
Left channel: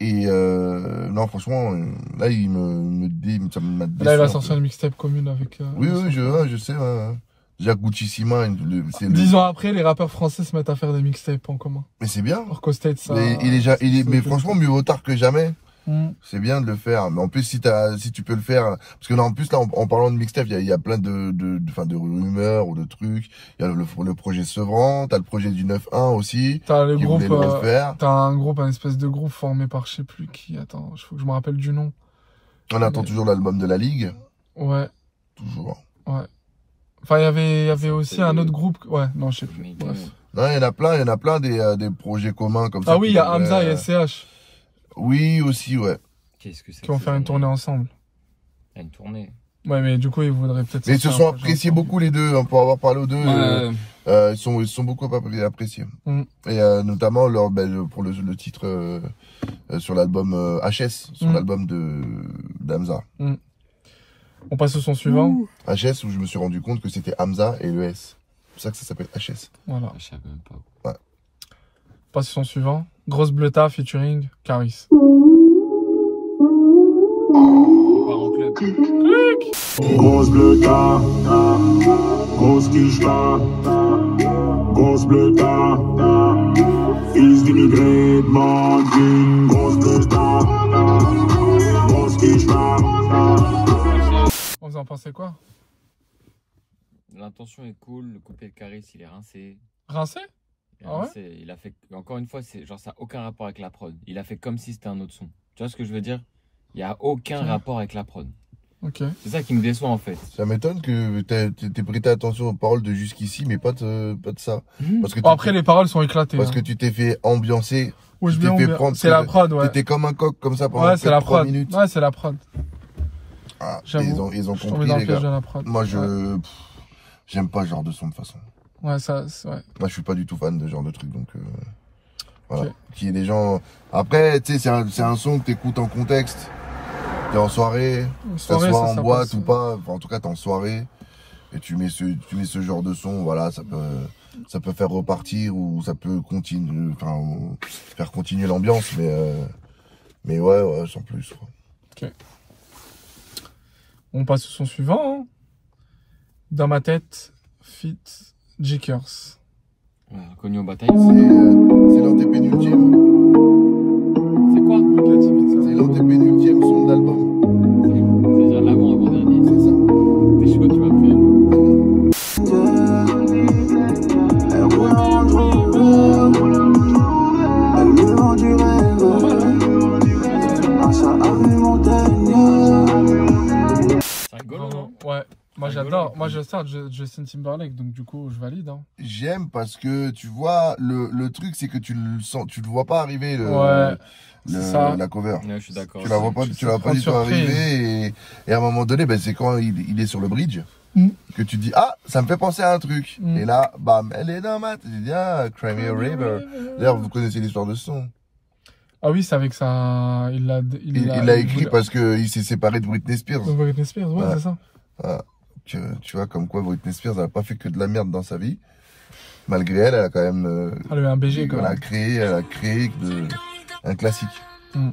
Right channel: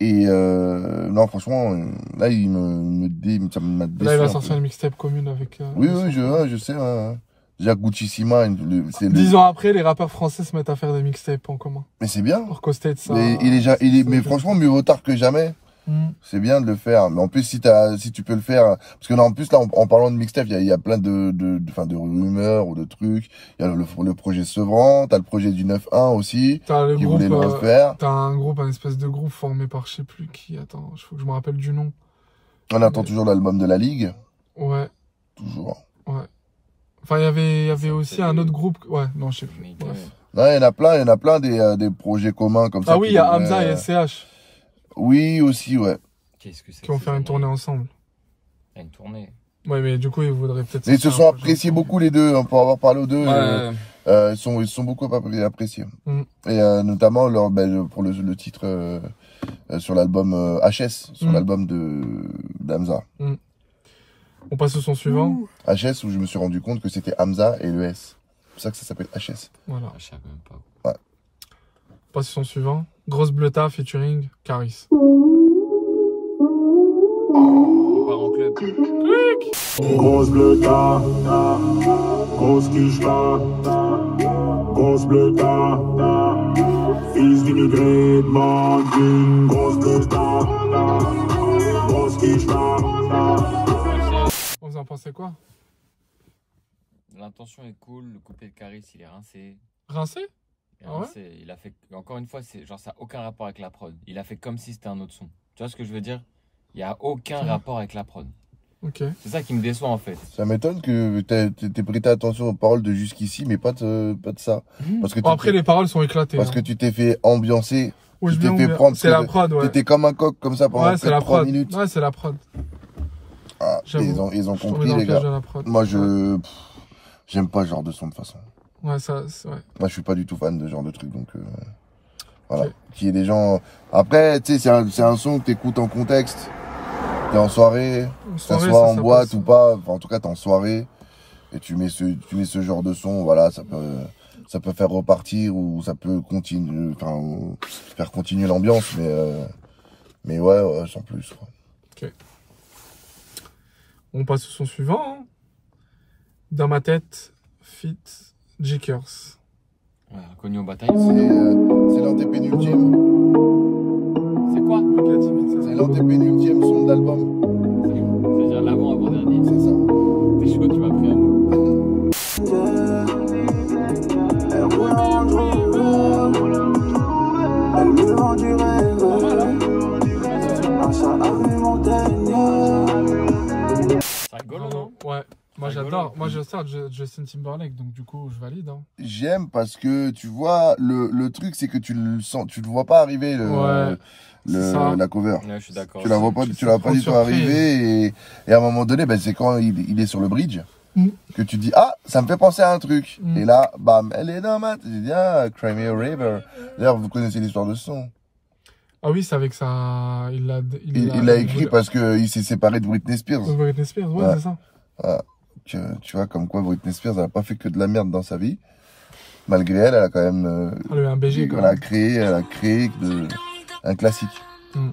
Non, franchement, là, ça m'a déçu. Là, il va sortir une mixtape commune avec... oui, je sais. Hein. Jacques Gucci-Sima. 10 ans après, les rappeurs français se mettent à faire des mixtapes en commun. Mais c'est bien. Orco State, ça... Mais franchement, mieux vaut tard que jamais. C'est bien de le faire. Mais en plus, si tu peux le faire, parce que là, en plus, là, en parlant de mixtape, il y a plein de rumeurs ou de trucs. Il y a le projet Sevran, t'as le projet du 9-1 aussi. T'as le groupe, t'as un espèce de groupe formé par je sais plus qui. Attends, il faut que je me rappelle du nom. On attend toujours l'album de la Ligue. Ouais. Toujours. Ouais. Enfin, il y avait aussi un autre groupe. Ouais, non, je sais plus. Non, il y en a plein des projets communs comme ça. Ah oui, il y a Hamza et SCH. Oui, aussi, ouais. Qu'est-ce que c'est? Qui vont faire une tournée ensemble. Une tournée. Ouais, mais du coup, ils voudraient peut-être... Mais ils se sont appréciés beaucoup, les deux, hein, pour avoir parlé aux deux. Ils sont beaucoup appréciés. Et notamment pour le titre sur l'album HS, sur l'album d'Hamza. On passe au son suivant. HS, où je me suis rendu compte que c'était Hamza et le S. C'est pour ça que ça s'appelle HS. Voilà. Je savais même pas. Ouais. On passe au son suivant. Grosse Bleuta featuring Caris. On part en club. Grosse bleuta, grosse quicheta, grosse bleuta, fils d'immigrés, bandine, grosse bleuta, grosse quicheta. Vous en pensez quoi? L'intention est cool, le couplet de Caris, il est rincé. Rincé? Ah ouais? Il a fait, encore une fois, c'est genre ça n'a aucun rapport avec la prod. Il a fait comme si c'était un autre son. Tu vois ce que je veux dire? Il n'y a aucun rapport avec la prod. Ok. C'est ça qui me déçoit en fait. Ça m'étonne que t'aies prêté attention aux paroles de jusqu'ici, mais pas de ça. Parce que Bon, après, les paroles sont éclatées. Parce hein. que tu t'es fait ambiancer. Oui, Tu t'es fait prendre. c'est la prod, ouais. T'étais comme un coq comme ça pendant Ouais, c'est la 3 prod. minutes. Ouais, c'est la prod. Ah, J'avoue. ils ont Je tombais compris dans le les piège gars. de la prod. Moi Ouais. j'aime pas ce genre de son de toute façon. Ouais, ça, ouais. Moi je suis pas du tout fan de ce genre de truc donc voilà. Ok. Qu'il y ait des gens. Après tu sais c'est un son que t'écoutes en contexte. T'es en soirée, que ça soit en boîte ou pas, enfin, en tout cas t'es en soirée et tu mets ce genre de son, voilà, ça peut faire repartir ou ça peut continuer, enfin faire continuer l'ambiance, mais ouais, sans plus. Quoi. Ok. On passe au son suivant. Hein. Dans ma tête, fit Jickers. Ouais, connu aux batailles. C'est l'antépénultième. C'est quoi? C'est l'antépénultième son d'album. C'est-à-dire l'avant-avant-dernier. C'est ça. T'es chaud, tu m'as pris un mot. Pas mal, hein? C'est rigolo, non? Ouais. Moi, Rigolo. j'adore. Moi, je sors Justin Timberlake, donc du coup, je valide. Hein. J'aime parce que tu vois le truc c'est que tu le vois pas arriver Ouais, ça. la cover. Ouais, je suis d'accord. Tu la vois pas, Tu tu la vois pas prends du tout surprise. arriver et à un moment donné, ben c'est quand il est sur le bridge Mm. que tu dis ah ça me fait penser à un truc Mm. et là bam elle est dans ma tête. Tu dis ah Cry Me a River. D'ailleurs vous connaissez l'histoire de ce son. Ah oui, c'est avec ça. Il Il l'a écrit parce que il s'est séparé de Britney Spears. Britney Spears, ouais, Ouais. c'est ça. Voilà. Tu vois comme quoi Britney Spears elle a pas fait que de la merde dans sa vie. Malgré elle a quand même Elle a eu un BG, quoi. elle a créé un classique. Mm.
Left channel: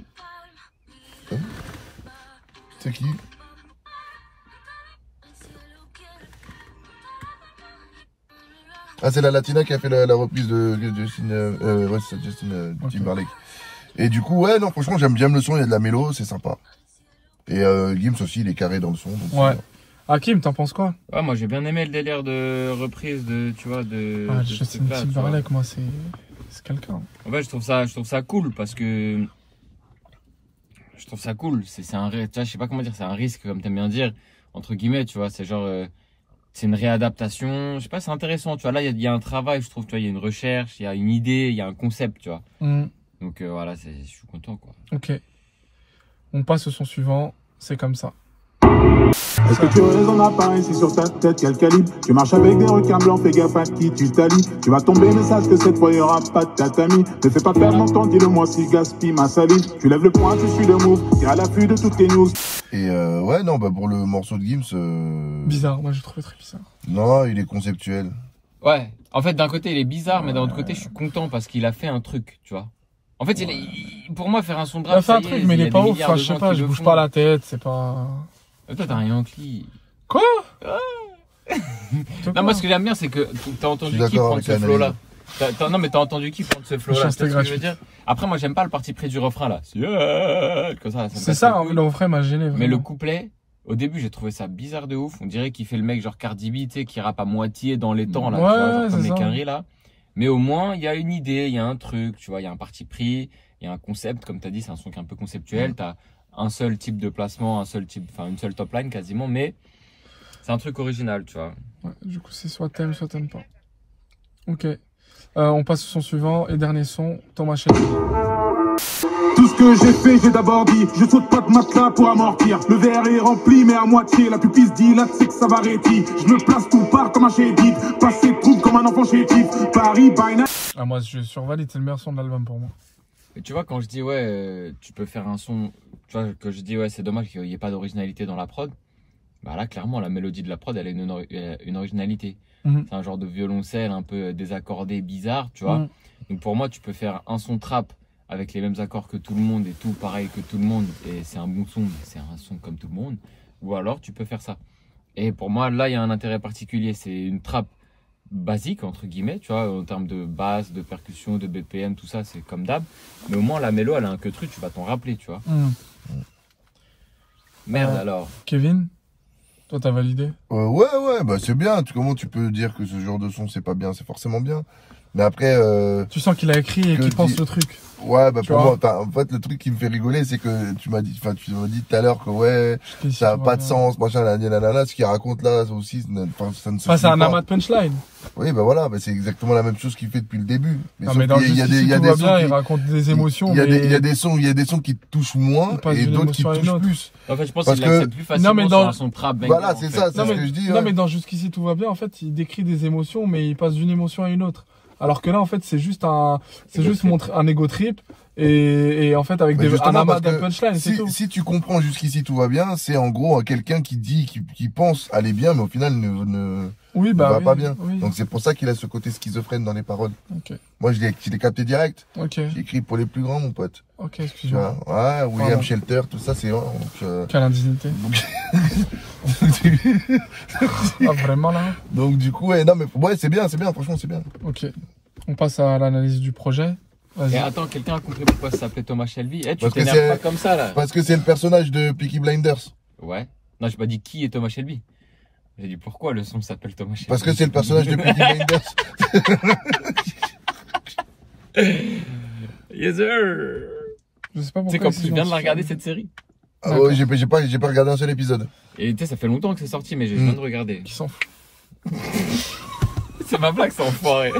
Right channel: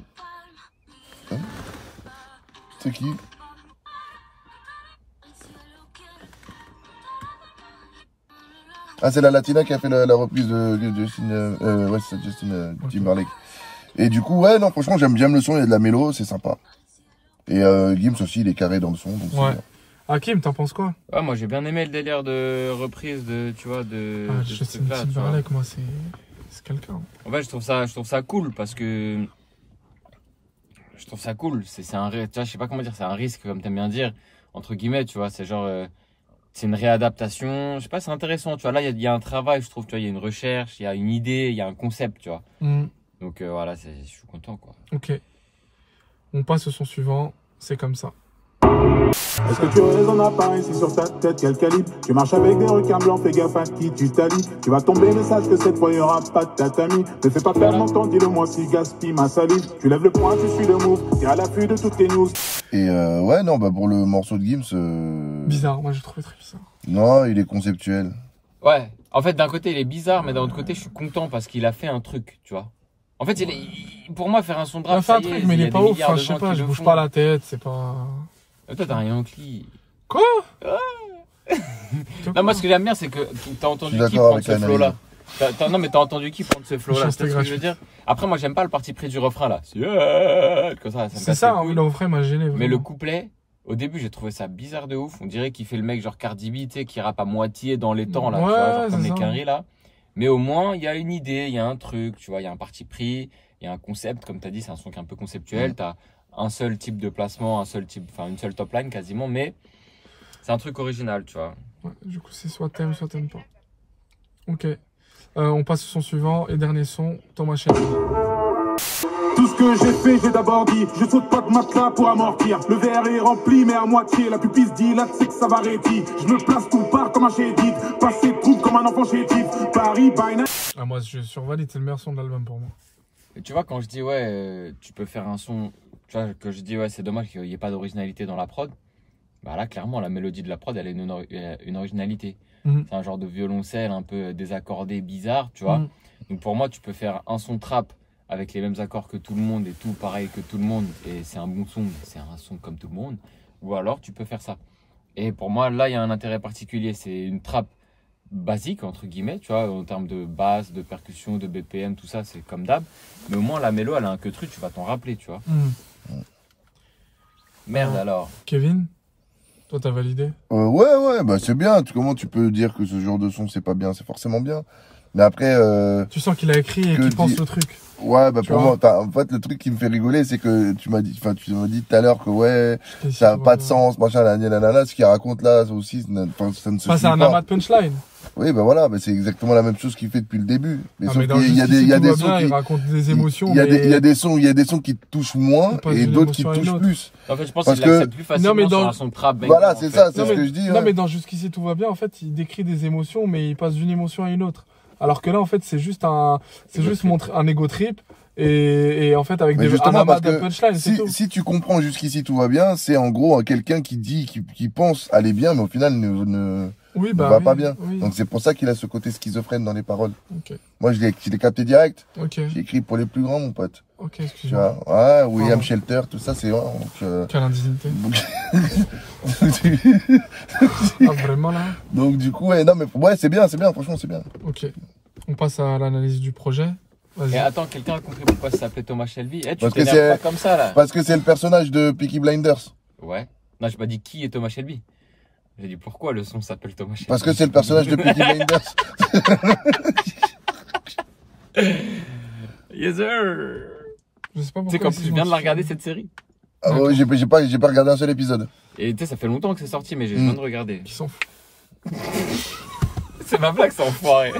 C'est qui? Ah, c'est la Latina qui a fait la reprise de Justin, ouais, c'est Justin Ok. Timberlake. Et du coup, ouais, non, franchement, j'aime le son, il y a de la mélo, c'est sympa. Et Gims aussi, il est carré dans le son. Donc Ouais. c'est- Hakim, t'en penses quoi? Ouais, moi j'ai bien aimé le délire de reprise de, tu vois, de ce Justin truc-là, tu vois. Timberlake, moi, c'est quelqu'un. En fait, je trouve ça cool parce que je trouve ça cool. C'est un, tu vois, je sais pas comment dire, c'est un risque, comme t'aimes bien dire, entre guillemets, tu vois. C'est genre, c'est une réadaptation. Je sais pas, c'est intéressant, tu vois. Là, il y a un travail, je trouve, tu vois. Il y a une recherche, il y a une idée, il y a un concept, tu vois. Mm. Donc voilà, je suis content, quoi. Ok. On passe au son suivant. C'est comme ça. Est-ce que tu veux des appareils, c'est sur ta tête, quel calibre? Tu marches avec des requins blancs, fais gaffe à qui tu t'allies. Tu vas tomber, mais sache que cette fois, y'aura pas de tatami. Ne fais pas perdre mon temps, dis-le-moi si gaspille ma salive. Tu lèves le poing, tu suis le move, t'es à l'affût de toutes tes news. Et ouais, non, bah pour le morceau de Gims, Bizarre, moi j'ai trouvé très bizarre. non, il est conceptuel. Ouais, en fait, d'un côté, il est bizarre, mais d'un autre côté, je suis content parce qu'il a fait un truc, tu vois. En fait, pour moi, faire un son de Il a rap, fait un ça y est, truc, mais il y a est pas des ouf. milliards Enfin, de je sais gens pas, qui je le bouge font. pas la tête, c'est pas. Toi, t'as rien Yankee. Quoi? Non, moi, ce que j'aime bien, c'est que t'as entendu Je suis qui d'accord prendre avec ce l'analyse. flow-là. Non, mais t'as entendu qui prendre ce flow-là. Tu Juste vois ce que je veux gratuit. dire? Après, moi, j'aime pas le parti pris du refrain, là. C'est comme ça me C'est casse ça, les hein, couilles. le refrain m'a gêné. Mais le vraiment. couplet, au début, j'ai trouvé ça bizarre de ouf. On dirait qu'il fait le mec genre Cardi B, tu sais, qui rappe à moitié dans les temps, là, tu Ouais, vois, genre comme c'est les ça. quinries, là. Mais au moins, il y a une idée, il y a un truc, tu vois, il y a un parti pris, il y a un concept, comme t'as dit, c'est un son qui est un peu conceptuel. T'as un seul type de placement, une seule top line quasiment, mais c'est un truc original, tu vois. Ouais, du coup, c'est soit t'aimes pas. Ok. On passe au son suivant et dernier son, Thomas Shelby. Tout ce que j'ai fait, j'ai d'abord dit. Je saute pas de matelas pour amortir. Le verre est rempli, mais à moitié. La pupille se dilate, c'est que ça va réti. Je me place tout part comme un chétif. Passer de troupe comme un enfant chétif. Paris, by night. Ah, moi, je survalide, c'est le meilleur son de l'album pour moi. Et tu vois, quand je dis, ouais, tu peux faire un son, tu vois, que je dis, ouais, c'est dommage qu'il n'y ait pas d'originalité dans la prod, bah là, clairement, la mélodie de la prod, elle a une originalité. Mhm. C'est un genre de violoncelle un peu désaccordé, bizarre, tu vois. Mhm. Donc pour moi, tu peux faire un son trap avec les mêmes accords que tout le monde et tout pareil que tout le monde, et c'est un bon son, c'est un son comme tout le monde, ou alors tu peux faire ça. Et pour moi, là, il y a un intérêt particulier, c'est une trap basique, entre guillemets, tu vois, en termes de basse, de percussion, de BPM, tout ça, c'est comme d'hab. Mais au moins, la mélo, elle a un que truc, tu vas t'en rappeler, tu vois. Mhm. Merde Ouais. alors. Kevin? Toi, t'as validé? Ouais, bah c'est bien. Comment tu peux dire que ce genre de son c'est pas bien? C'est forcément bien. Mais après. Tu sens qu'il a écrit et qu'il pense le truc. Ouais, bah Tu pour vois. moi, en fait, le truc qui me fait rigoler, c'est que tu m'as dit tout à l'heure que ouais, Et ça a si, pas de voilà. sens, machin, nanana. Ce qu'il raconte là aussi, ça ne se Ça, c'est suit un pas. amas de punchline. Oui, bah voilà, bah c'est exactement la même chose qu'il fait depuis le début. Non, sauf mais dans qu'il y a Jusqu'ici, tout va sons bien, qui- il raconte des émotions, il y a mais... des, il y a des sons qui te touchent moins Il passe et d'une d'autres qui te émotion à une touchent autre. plus. En fait, je pense Parce qu'il que- l'accepte plus facilement Non, mais sur dans- un son trap banger. Voilà, en c'est fait. ça, c'est Non, ce mais, que je dis. non, ouais. mais dans Jusqu'ici tout va bien, en fait, il décrit des émotions, mais il passe d'une émotion à une autre. Alors que là, en fait, c'est juste montrer un ego trip et en fait, avec Mais un justement, amas parce de que punchline, c'est tout. si tu comprends jusqu'ici tout va bien, c'est en gros quelqu'un qui dit, qui pense aller bien, mais au final ne Oui, va oui, pas bien. oui. Donc c'est pour ça qu'il a ce côté schizophrène dans les paroles. Ok, Moi, je l'ai capté direct. ok, J'ai écrit pour les plus grands, mon pote. ok, Tu excuse-moi. vois, ouais, William Pardon. Shelter, tout ça, c'est vraiment. Quelle indignité. Ah, vraiment, là? Donc du coup, ouais, non, mais ouais, c'est bien, franchement, c'est bien. Ok. On passe à l'analyse du projet. Vas-y. Et attends, quelqu'un a compris pourquoi ça s'appelait Thomas Shelby? Eh, tu Parce que t'énerves c'est- pas comme ça, là. Parce que c'est le personnage de Peaky Blinders. Ouais. Non, j'ai pas dit qui est Thomas Shelby. J'ai dit pourquoi le son s'appelle Thomas Shelby. Parce que c'est le personnage de Peaky Blinders. Yes, sir. Je sais pas pourquoi. Tu sais, comme ici, je viens de la regarder, cette série. Ah ouais, j'ai pas regardé un seul épisode. Et tu sais, ça fait longtemps que c'est sorti, mais je viens de regarder. Qui s'en fout. C'est ma blague, c'est enfoiré.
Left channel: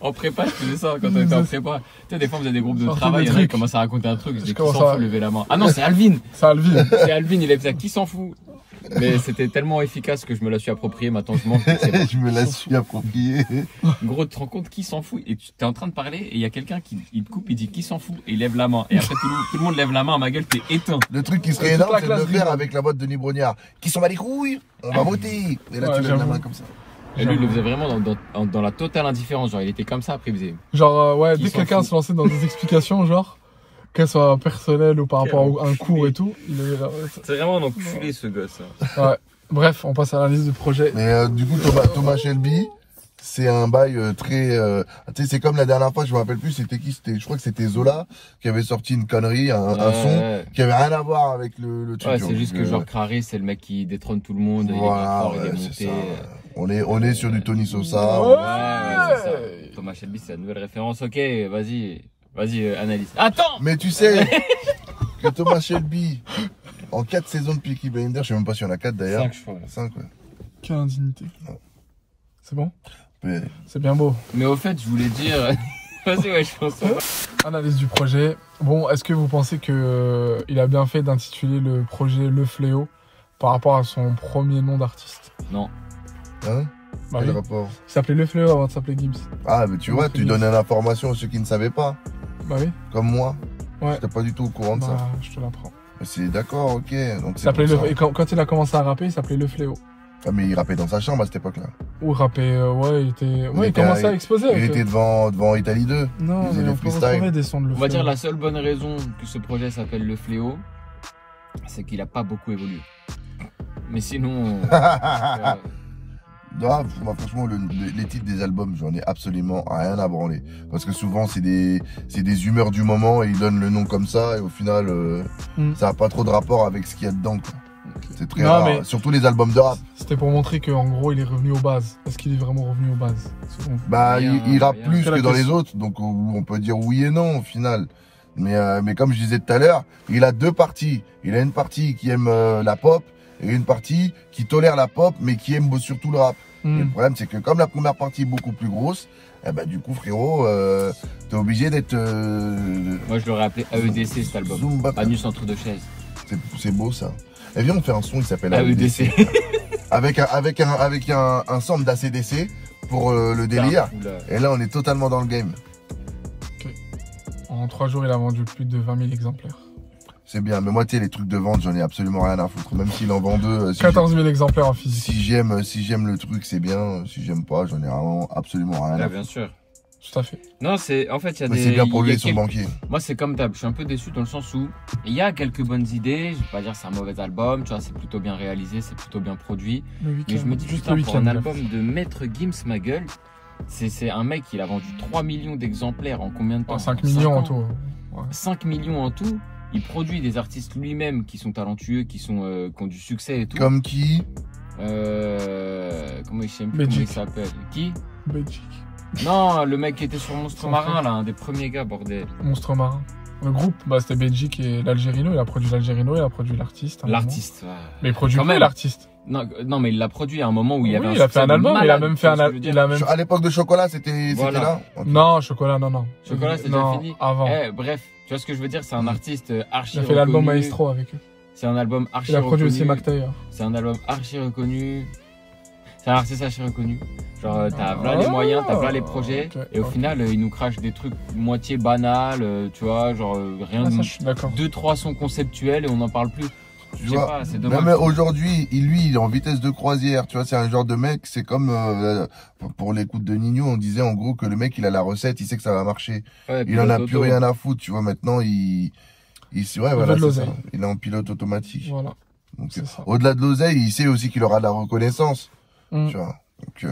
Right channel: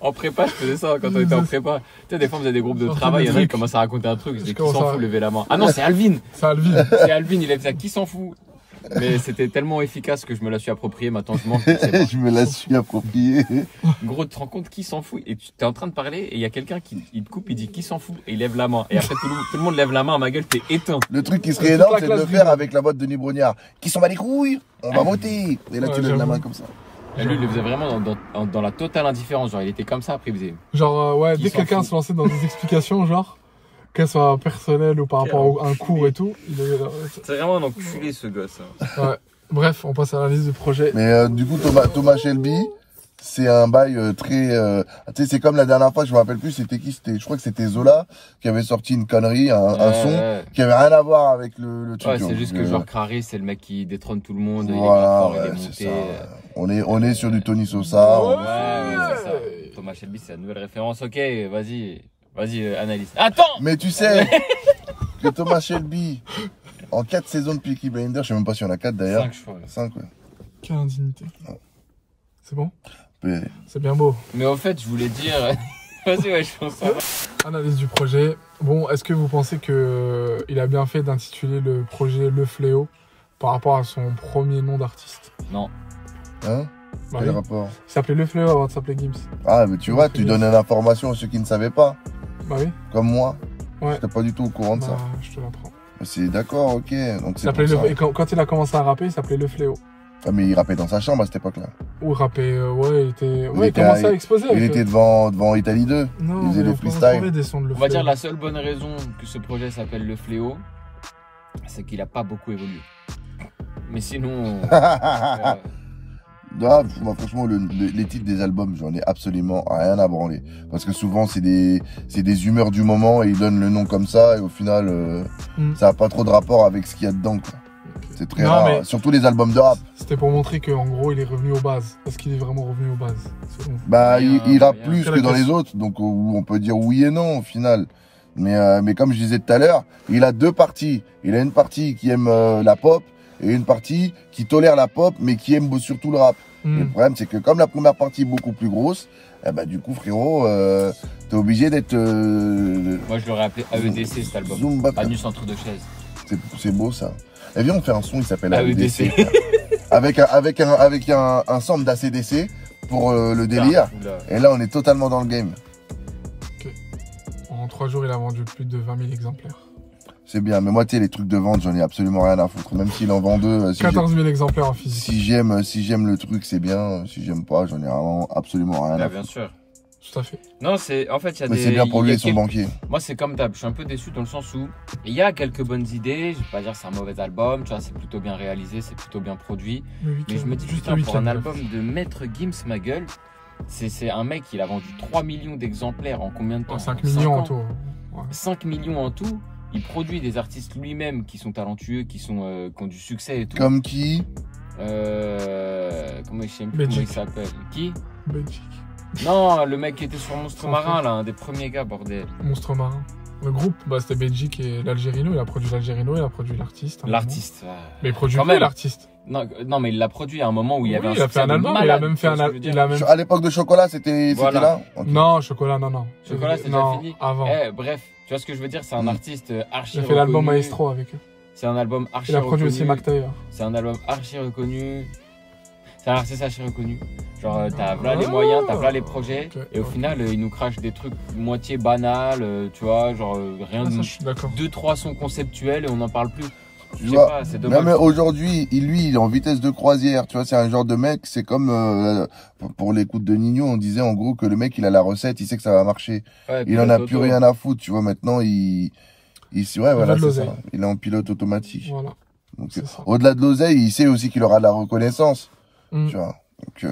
En prépa, je faisais ça quand on était en prépa. Tu sais, des fois, on faisait des groupes de Sortez travail, il y en a des qui trucs. commençaient à raconter un truc, je disais qui commence s'en à- fout, levez la main. Ah non, c'est Alvin. C'est Alvin. C'est Alvin, il a fait ça, qui s'en fout. Mais c'était tellement efficace que je me la suis approprié, maintenant je mange, c'est bon. Je me la suis approprié. Gros, tu te rends compte qui s'en fout? Et tu es en train de parler et il y a quelqu'un qui il te coupe, il dit qui s'en fout et il lève la main. Et après tout le monde lève la main à ma gueule, t'es éteint. Le truc qui serait Toute énorme, la c'est de le classe faire rigole. avec la voix de Denis Brognard. Qui s'en bat les couilles, on va voter. Et là, Ouais, tu lèves la j'avoue. main comme ça. Et lui, il le faisait vraiment dans la totale indifférence. Genre, il était comme ça, après il faisait. Genre, ouais, Qui dès que s'en quelqu'un fout. se lançait dans des explications, genre, qu'elles soient personnelles ou par rapport à un cours et tout, il est là. C'est vraiment un enculé ce gosse. Ouais. Bref, on passe à l'analyse du projet. Mais du coup, Thomas Shelby, c'est un bail très... tu sais, c'est comme la dernière fois, je me rappelle plus, c'était qui? Je crois que c'était Zola qui avait sorti une connerie, un son qui avait rien à voir avec le truc. Ouais, c'est juste que genre Crary, c'est le mec qui détrône tout le monde, il est Voilà, grave fort, ouais, il est c'est monté. ça. On est sur du Tony Sosa. Ouais, c'est ça. Thomas Shelby, c'est la nouvelle référence. Ok, vas-y, analyse. Attends! Mais tu sais que Thomas Shelby, en 4 saisons de Peaky Blinders, je sais même pas s'il y en a 4 d'ailleurs. 5 fois. 5, ouais. Quelle indignité. C'est bon? Mais- C'est bien beau. Mais au fait, je voulais dire. Vas-y, ouais, je pense. Analyse du projet. Bon, est-ce que vous pensez que il a bien fait d'intituler le projet Le Fléau par rapport à son premier nom d'artiste? Non. Hein? Bah Quel oui. rapport? Il s'appelait Le Fléau avant de s'appeler Gims. Ah, mais tu vois, tu donnais l'information à ceux qui ne savaient pas. Bah oui. Comme moi. Ouais. J'étais pas du tout au courant de Bah, ça. je te l'apprends. C'est d'accord, ok. Donc Il c'est s'appelait pour Le... ça. Et quand il a commencé à rapper, il s'appelait Le Fléau. Ah, mais il rappait dans sa chambre à cette époque-là. Ou rapper, ouais, il était... Ouais, il était commençait à- à exposer. Il avec, était devant Italie 2. Non, il faisait mais des on pourrait freestyles. trouver des sons de Le On va dire Fléau. la seule bonne raison que ce projet s'appelle Le Fléau, c'est qu'il a pas beaucoup évolué. Mais sinon. Ah, moi, franchement, les titres des albums, j'en ai absolument rien à branler. Parce que souvent, c'est des humeurs du moment et ils donnent le nom comme ça et au final, ça n'a pas trop de rapport avec ce qu'il y a dedans, quoi. C'est très Non, rare. mais- Surtout les albums de rap. C'était pour montrer qu'en gros, il est revenu aux bases. Est-ce qu'il est vraiment revenu aux bases? Selon vous? Bah, Rien, il rappe rien. plus C'est que la dans les question. autres, donc on peut dire oui et non au final. Mais comme je disais tout à l'heure, il a deux parties. Il a une partie qui aime la pop et une partie qui tolère la pop mais qui aime surtout le rap. Et le problème, c'est que comme la première partie est beaucoup plus grosse, eh ben, du coup, frérot, t'es obligé d'être... Moi, je l'aurais appelé AEDC cet album. Zumba. Anus entre deux chaises. C'est beau ça. Et viens, on fait un son, il s'appelle AEDC. avec un sample d'ACDC pour le délire. Et là, on est totalement dans le game. En 3 jours, il a vendu plus de 20 000 exemplaires. C'est bien, mais moi, tu sais, les trucs de vente, j'en ai absolument rien à foutre. Même s'il en vend deux, si 14 000 exemplaires en physique. si j'aime le truc, c'est bien. Si j'aime pas, j'en ai vraiment absolument rien à Là, foutre. bien sûr. Tout à fait. Non, c'est. En fait, il y a Mais des. c'est bien pour il y lui a et son quelques- banquier. Moi, c'est comme d'hab. Je suis un peu déçu dans le sens où il y a quelques bonnes idées. Je vais pas dire que c'est un mauvais album. Tu vois, c'est plutôt bien réalisé, c'est plutôt bien produit. Mais je me dis, Juste putain, le pour un huitième, album de Maître Gims, ma gueule, c'est un mec, il a vendu 3 millions d'exemplaires en combien de temps? 5 En millions en 5 ans. tout. Ouais. 5 millions en tout. Il produit des artistes lui-même qui sont talentueux, qui ont du succès et tout. Comme qui? Comment il s'appelle? Qui? Belgique. Non, le mec qui était sur Monstre Marin, là, un des premiers gars, bordel. Monstre Marin. Le groupe, bah, c'était Belgique et l'Algérino. Il a produit l'Algérino, il a produit l'artiste. L'artiste. Mais il produit quand même l'artiste. Non, mais il l'a produit à un moment où il y avait il a fait un album, il a même fait un album. À l'époque de Chocolat, c'était là okay. Non, Chocolat, non. Chocolat, c'est déjà fini. Avant. Bref, tu vois ce que je veux dire, c'est un artiste archi reconnu. Il a fait l'album Maestro avec eux. C'est un album archi reconnu. Il a produit aussi Mac Taylor. C'est un album archi reconnu. C'est un artiste archi reconnu. Genre, t'as là les moyens, t'as là les projets. Okay, et au final, il nous crache des trucs moitié banals, tu vois, genre rien de. 2-3 sons conceptuels et on n'en parle plus. Je sais pas, c'est dommage. Non, mais aujourd'hui, lui, il est en vitesse de croisière. Tu vois, c'est un genre de mec, c'est comme pour l'écoute de Nino, on disait en gros que le mec, il a la recette, il sait que ça va marcher. Ouais, il en a plus rien à foutre, tu vois. Maintenant, il voilà, c'est ça. Il est en pilote automatique. Voilà. Donc, au-delà de l'oseille, il sait aussi qu'il aura de la reconnaissance. Tu vois. Donc,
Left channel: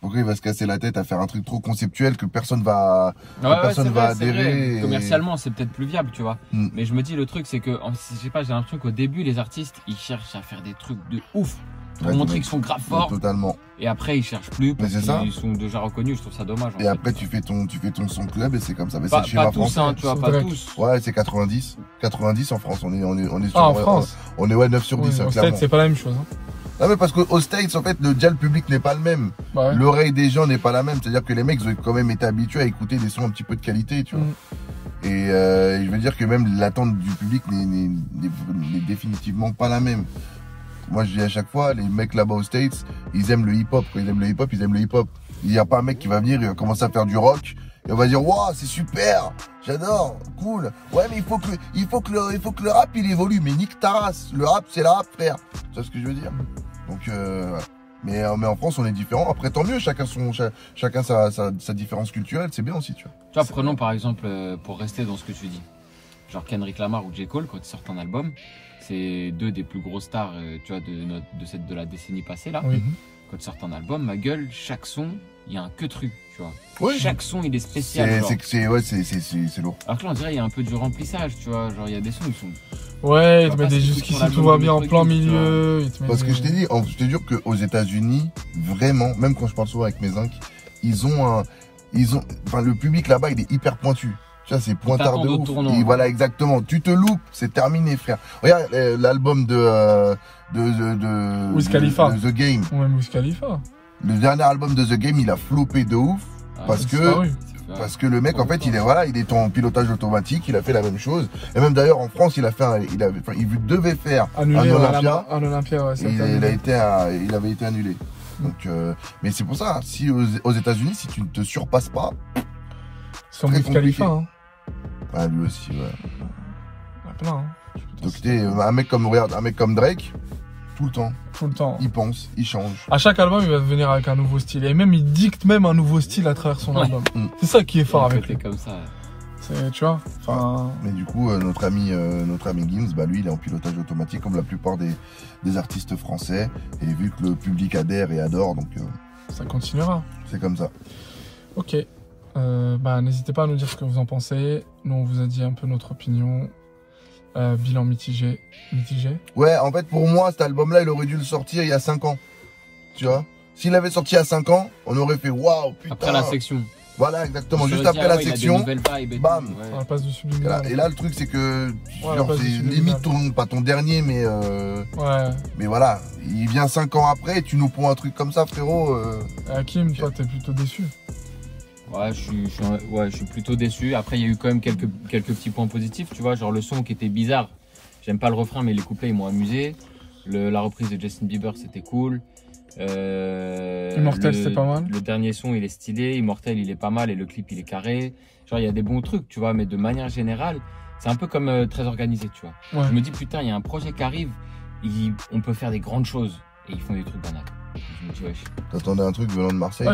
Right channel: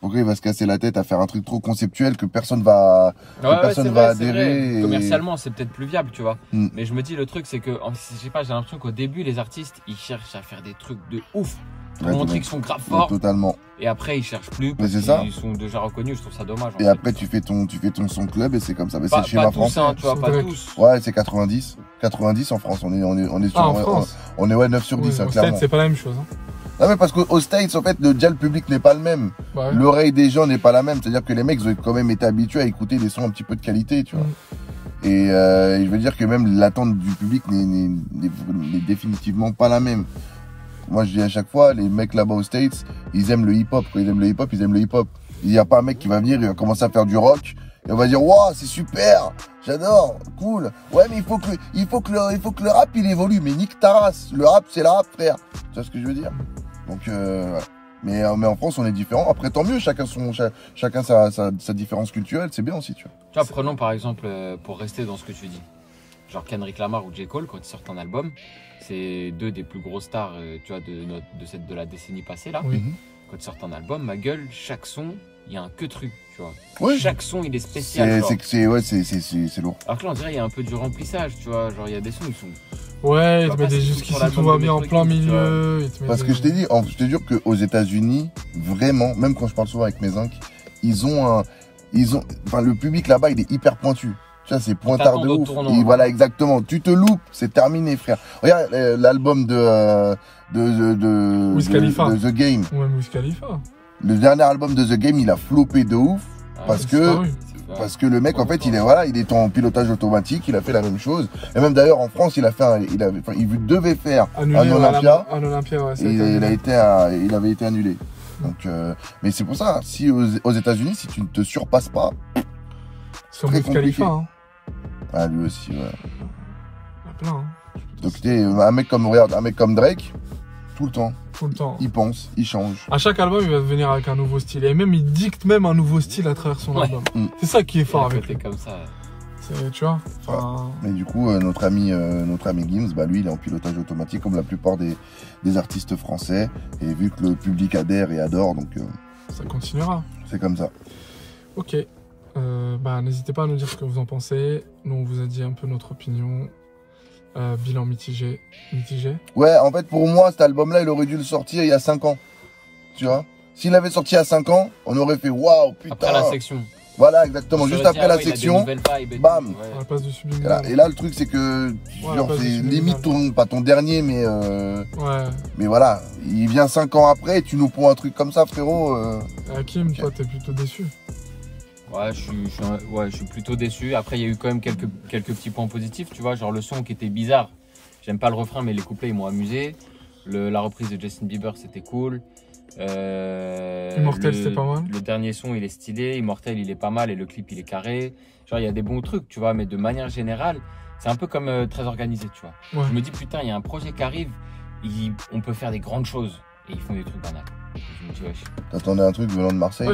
pourquoi il va se casser la tête à faire un truc trop conceptuel que personne va, adhérer. Commercialement, c'est peut-être plus viable, tu vois. Mais je me dis, le truc, c'est que, je sais pas, j'ai l'impression qu'au début, les artistes, ils cherchent à faire des trucs de ouf. Pour montrer qu'ils sont grave forts. Totalement. Et après, ils cherchent plus parce qu'ils sont déjà reconnus. Je trouve ça dommage. Et après, tu fais ton son club et c'est comme ça. Mais pas tous, hein, tu vois, pas tous. Ouais, c'est 90. 90 en France. On est sur, en France. On est 9 sur 10, clairement. C'est pas la même chose, hein. Non, mais parce qu'aux States, en fait, déjà, le public n'est pas le même. Ouais. L'oreille des gens n'est pas la même. C'est-à-dire que les mecs ont quand même été habitués à écouter des sons un petit peu de qualité, tu vois. Et je veux dire que même l'attente du public n'est définitivement pas la même. Moi, je dis à chaque fois, les mecs là-bas aux States, ils aiment le hip-hop. Quand ils aiment le hip-hop, ils aiment le hip-hop. Il n'y a pas un mec qui va venir, il va commencer à faire du rock. Et on va dire, waouh, c'est super, j'adore, cool. Ouais, mais il faut que le rap, il évolue. Mais nique ta race. Le rap, c'est la rap, frère. Tu vois ce que je veux dire? Donc, mais en France, on est différent. Après, tant mieux, chacun sa différence culturelle, c'est bien aussi, tu vois. Tu vois, prenons par exemple, pour rester dans ce que tu dis, genre Kendrick Lamar ou J. Cole, quand ils sortent un album, c'est deux des plus grosses stars, tu vois, de la décennie passée, là. Oui. Quand ils sortent un album, ma gueule, chaque son, il y a un que truc, tu vois. Oui. Chaque son, il est spécial. C'est lourd. Alors que là, on dirait, il y a un peu du remplissage, tu vois. Genre, il y a des sons, ils sont. Ouais, il te met des jusqu'ici, tout va bien en plein milieu. Parce que je t'ai dit, je te jure qu'aux États-Unis, vraiment, même quand je parle souvent avec mes oncles, le public là-bas, il est hyper pointu. Tu vois, c'est pointard de ouf. Et voilà, exactement. Tu te loupes, c'est terminé, frère. Regarde l'album de Wiz Khalifa. de The Game. Ouais, Wiz Khalifa. Le dernier album de The Game, il a floppé de ouf. Parce que le mec, en fait, il est en pilotage automatique, il a fait la même chose. Et même d'ailleurs, en France, il devait faire un Olympia. Il avait été annulé. Donc, mais c'est pour ça, si aux États-Unis, si tu ne te surpasses pas, c'est Wiz Khalifa, hein. Ah, lui aussi, ouais. Il y a plein, hein. Donc, un mec comme Drake, tout le temps. Il pense, il change. À chaque album, il va venir avec un nouveau style. Et même, il dicte même un nouveau style à travers son album. C'est ça qui est fort avec lui. Comme ça. Tu vois. Mais du coup, notre ami Gims, bah lui, il est en pilotage automatique comme la plupart des artistes français. Et vu que le public adhère et adore, donc ça continuera. C'est comme ça. Ok. N'hésitez pas à nous dire ce que vous en pensez. Nous, on vous a dit un peu notre opinion. Bilan mitigé. Ouais, en fait, pour moi, cet album-là, il aurait dû le sortir il y a 5 ans. Tu vois? S'il l'avait sorti il y a 5 ans, on aurait fait waouh, putain. Après la section. Voilà, exactement. Juste après la section, bam. On passe du subliminal. Et là, le truc, c'est que c'est limite pas ton dernier, mais mais voilà, il vient 5 ans après, et tu nous prends un truc comme ça, frérot. Hakim, toi, t'es plutôt déçu. Ouais, je suis plutôt déçu. Après, il y a eu quand même quelques petits points positifs, tu vois, genre le son qui était bizarre. J'aime pas le refrain, mais les couplets, ils m'ont amusé. La reprise de Justin Bieber, c'était cool. Immortel, c'était pas mal. Le dernier son, il est stylé. Immortel, il est pas mal et le clip, il est carré. Genre, il y a des bons trucs, tu vois, mais de manière générale, c'est un peu comme très organisé, tu vois. Ouais. Je me dis, putain, il y a un projet qui arrive, on peut faire des grandes choses. Et ils font des trucs banals. Je me dis, wesh. T'attendais un truc venant de Marseille?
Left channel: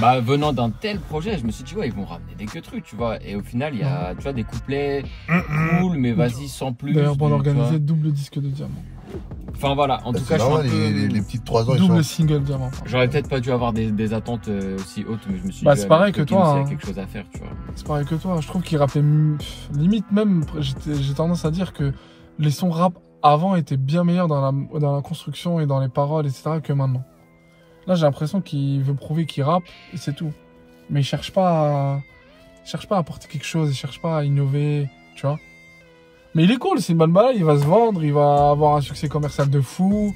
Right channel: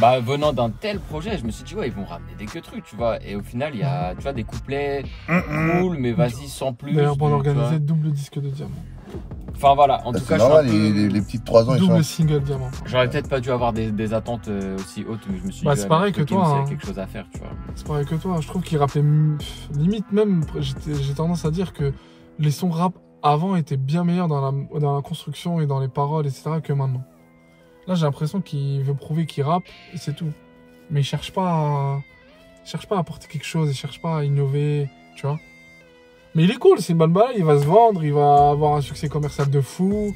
Bah, venant d'un tel projet, je me suis dit, ouais, ils vont ramener des trucs, tu vois. Et au final, il y a, tu vois, des couplets cool, mais vas-y, sans plus. D'ailleurs, pour l'organiser, double disque de diamant. Enfin voilà, en tout cas, normal, je suis un peu. Les petites 3 ans, double single diamant. J'aurais peut-être pas dû avoir des attentes aussi hautes, mais je me suis dit, c'est pareil que toi. Il y a quelque chose à faire, tu vois. C'est pareil que toi. Je trouve qu'il rappelait limite même. J'ai tendance à dire que les sons rap avant était bien meilleur dans la construction et dans les paroles, etc. que maintenant. Là, j'ai l'impression qu'il veut prouver qu'il rappe et c'est tout. Mais il cherche pas à apporter quelque chose, il cherche pas à innover, tu vois. Mais il est cool, c'est une bonne balle, il va se vendre, il va avoir un succès commercial de fou.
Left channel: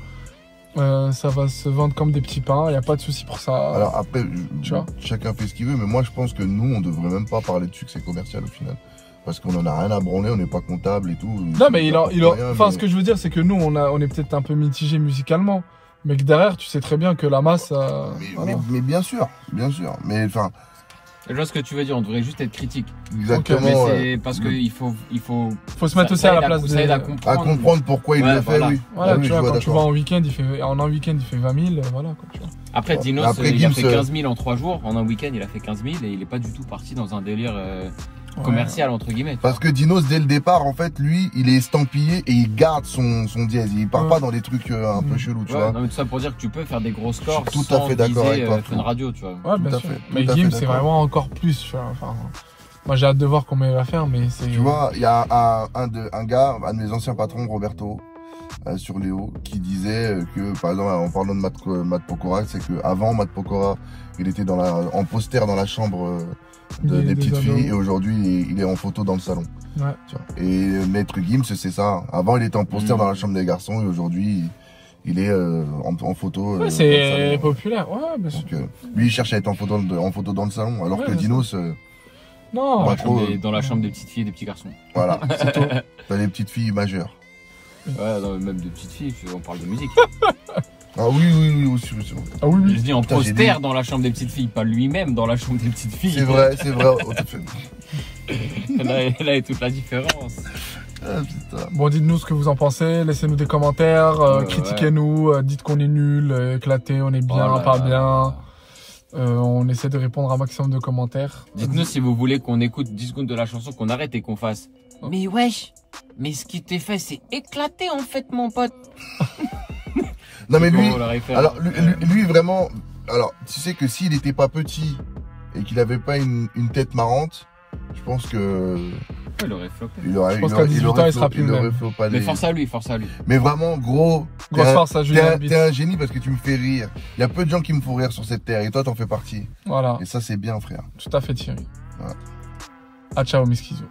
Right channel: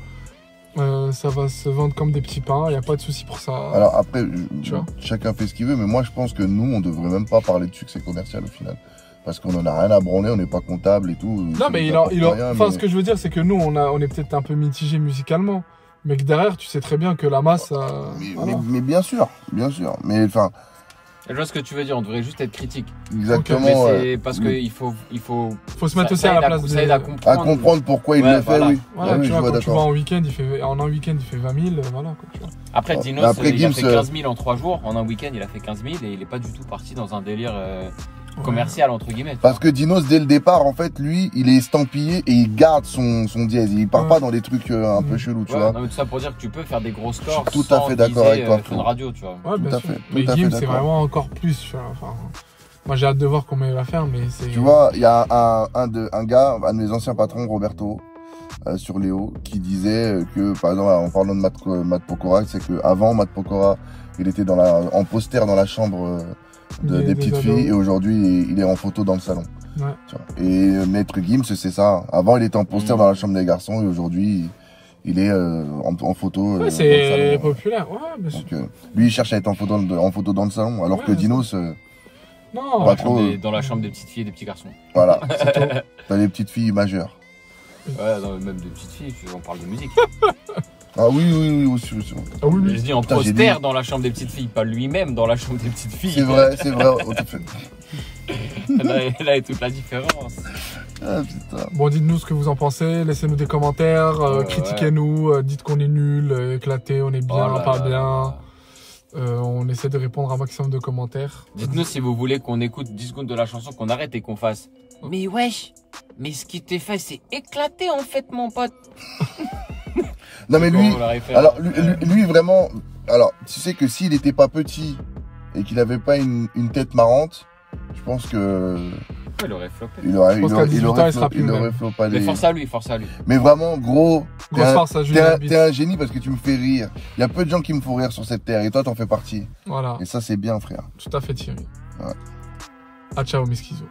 Ça va se vendre comme des petits pains, il n'y a pas de souci pour ça. Alors après, tu vois, chacun fait ce qu'il veut, mais moi je pense que nous, on devrait même pas parler de succès commercial au final. Parce qu'on en a rien à branler, on n'est pas comptable et tout. Non, mais enfin, ce que je veux dire, c'est que nous, on est peut-être un peu mitigé musicalement. Mais que derrière, tu sais très bien que la masse. Voilà. Mais bien sûr, bien sûr. Mais enfin. Je vois ce que tu veux dire, on devrait juste être critique. Exactement. Mais c'est parce qu'il faut se mettre aussi à la place. Ça aide à comprendre. À comprendre pourquoi il le fait, voilà. oui. Voilà, oui, tu vois, quand tu vas en week-end, en un week-end, il fait 20 000, voilà, quoi, tu vois. Après, Dinos, il a fait 15 000 en 3 jours. En un week-end, il a fait 15 000 et il est pas du tout parti dans un délire commercial, entre guillemets. Parce que Dinos, dès le départ, en fait, lui, il est estampillé et il garde son dièse. Il part pas dans des trucs un peu chelous, tu vois. Non, mais tout ça pour dire que tu peux faire des gros scores tout à fait d'accord avec toi. Fun Radio, tu vois. Ouais, bien sûr. Mais Gims, c'est vraiment encore plus, tu vois. Enfin, moi, j'ai hâte de voir comment il va faire, mais c'est... Tu vois, il y a un gars, un de mes anciens patrons, Roberto, sur Léo, qui disait que, par exemple, en parlant de Matt Pokora, c'est que avant Matt Pokora, il était en poster dans la chambre des petites filles, et aujourd'hui, il est en photo dans le salon. Ouais. Et Maître Gims, c'est ça. Avant, il était en poster dans la chambre des garçons, et aujourd'hui, il est en photo. Ouais, c'est populaire, ouais, bien sûr. Donc, lui, il cherche à être en photo dans le salon, alors que Dinos... non, dans la chambre des petites filles et des petits garçons. Voilà, c'est tout. T'as les petites filles majeures. Ouais, non, même des petites filles, on parle de musique. Ah oui, aussi. Ah oui. Je dis en poster dans la chambre des petites filles, pas lui-même dans la chambre des petites filles. C'est vrai. Là est toute la différence. Ah, putain. Bon, dites-nous ce que vous en pensez, laissez-nous des commentaires, critiquez-nous, dites qu'on est nul, éclaté, on est bien, pas bien. On essaie de répondre à un maximum de commentaires. Dites-nous si vous voulez qu'on écoute 10 secondes de la chanson, qu'on arrête et qu'on fasse. Mais wesh, mais ce qui t'est fait, c'est éclaté en fait, mon pote. Non mais lui vraiment, alors tu sais que s'il était pas petit et qu'il avait pas une tête marrante, je pense que il aurait floppé. Il aurait floppé. Mais force à lui. Mais vraiment gros, t'es un génie parce que tu me fais rire. Il y a peu de gens qui me font rire sur cette terre et toi t'en fais partie. Voilà. Et ça c'est bien frère. Tout à fait Thierry. Voilà. Ah ciao Miskizo.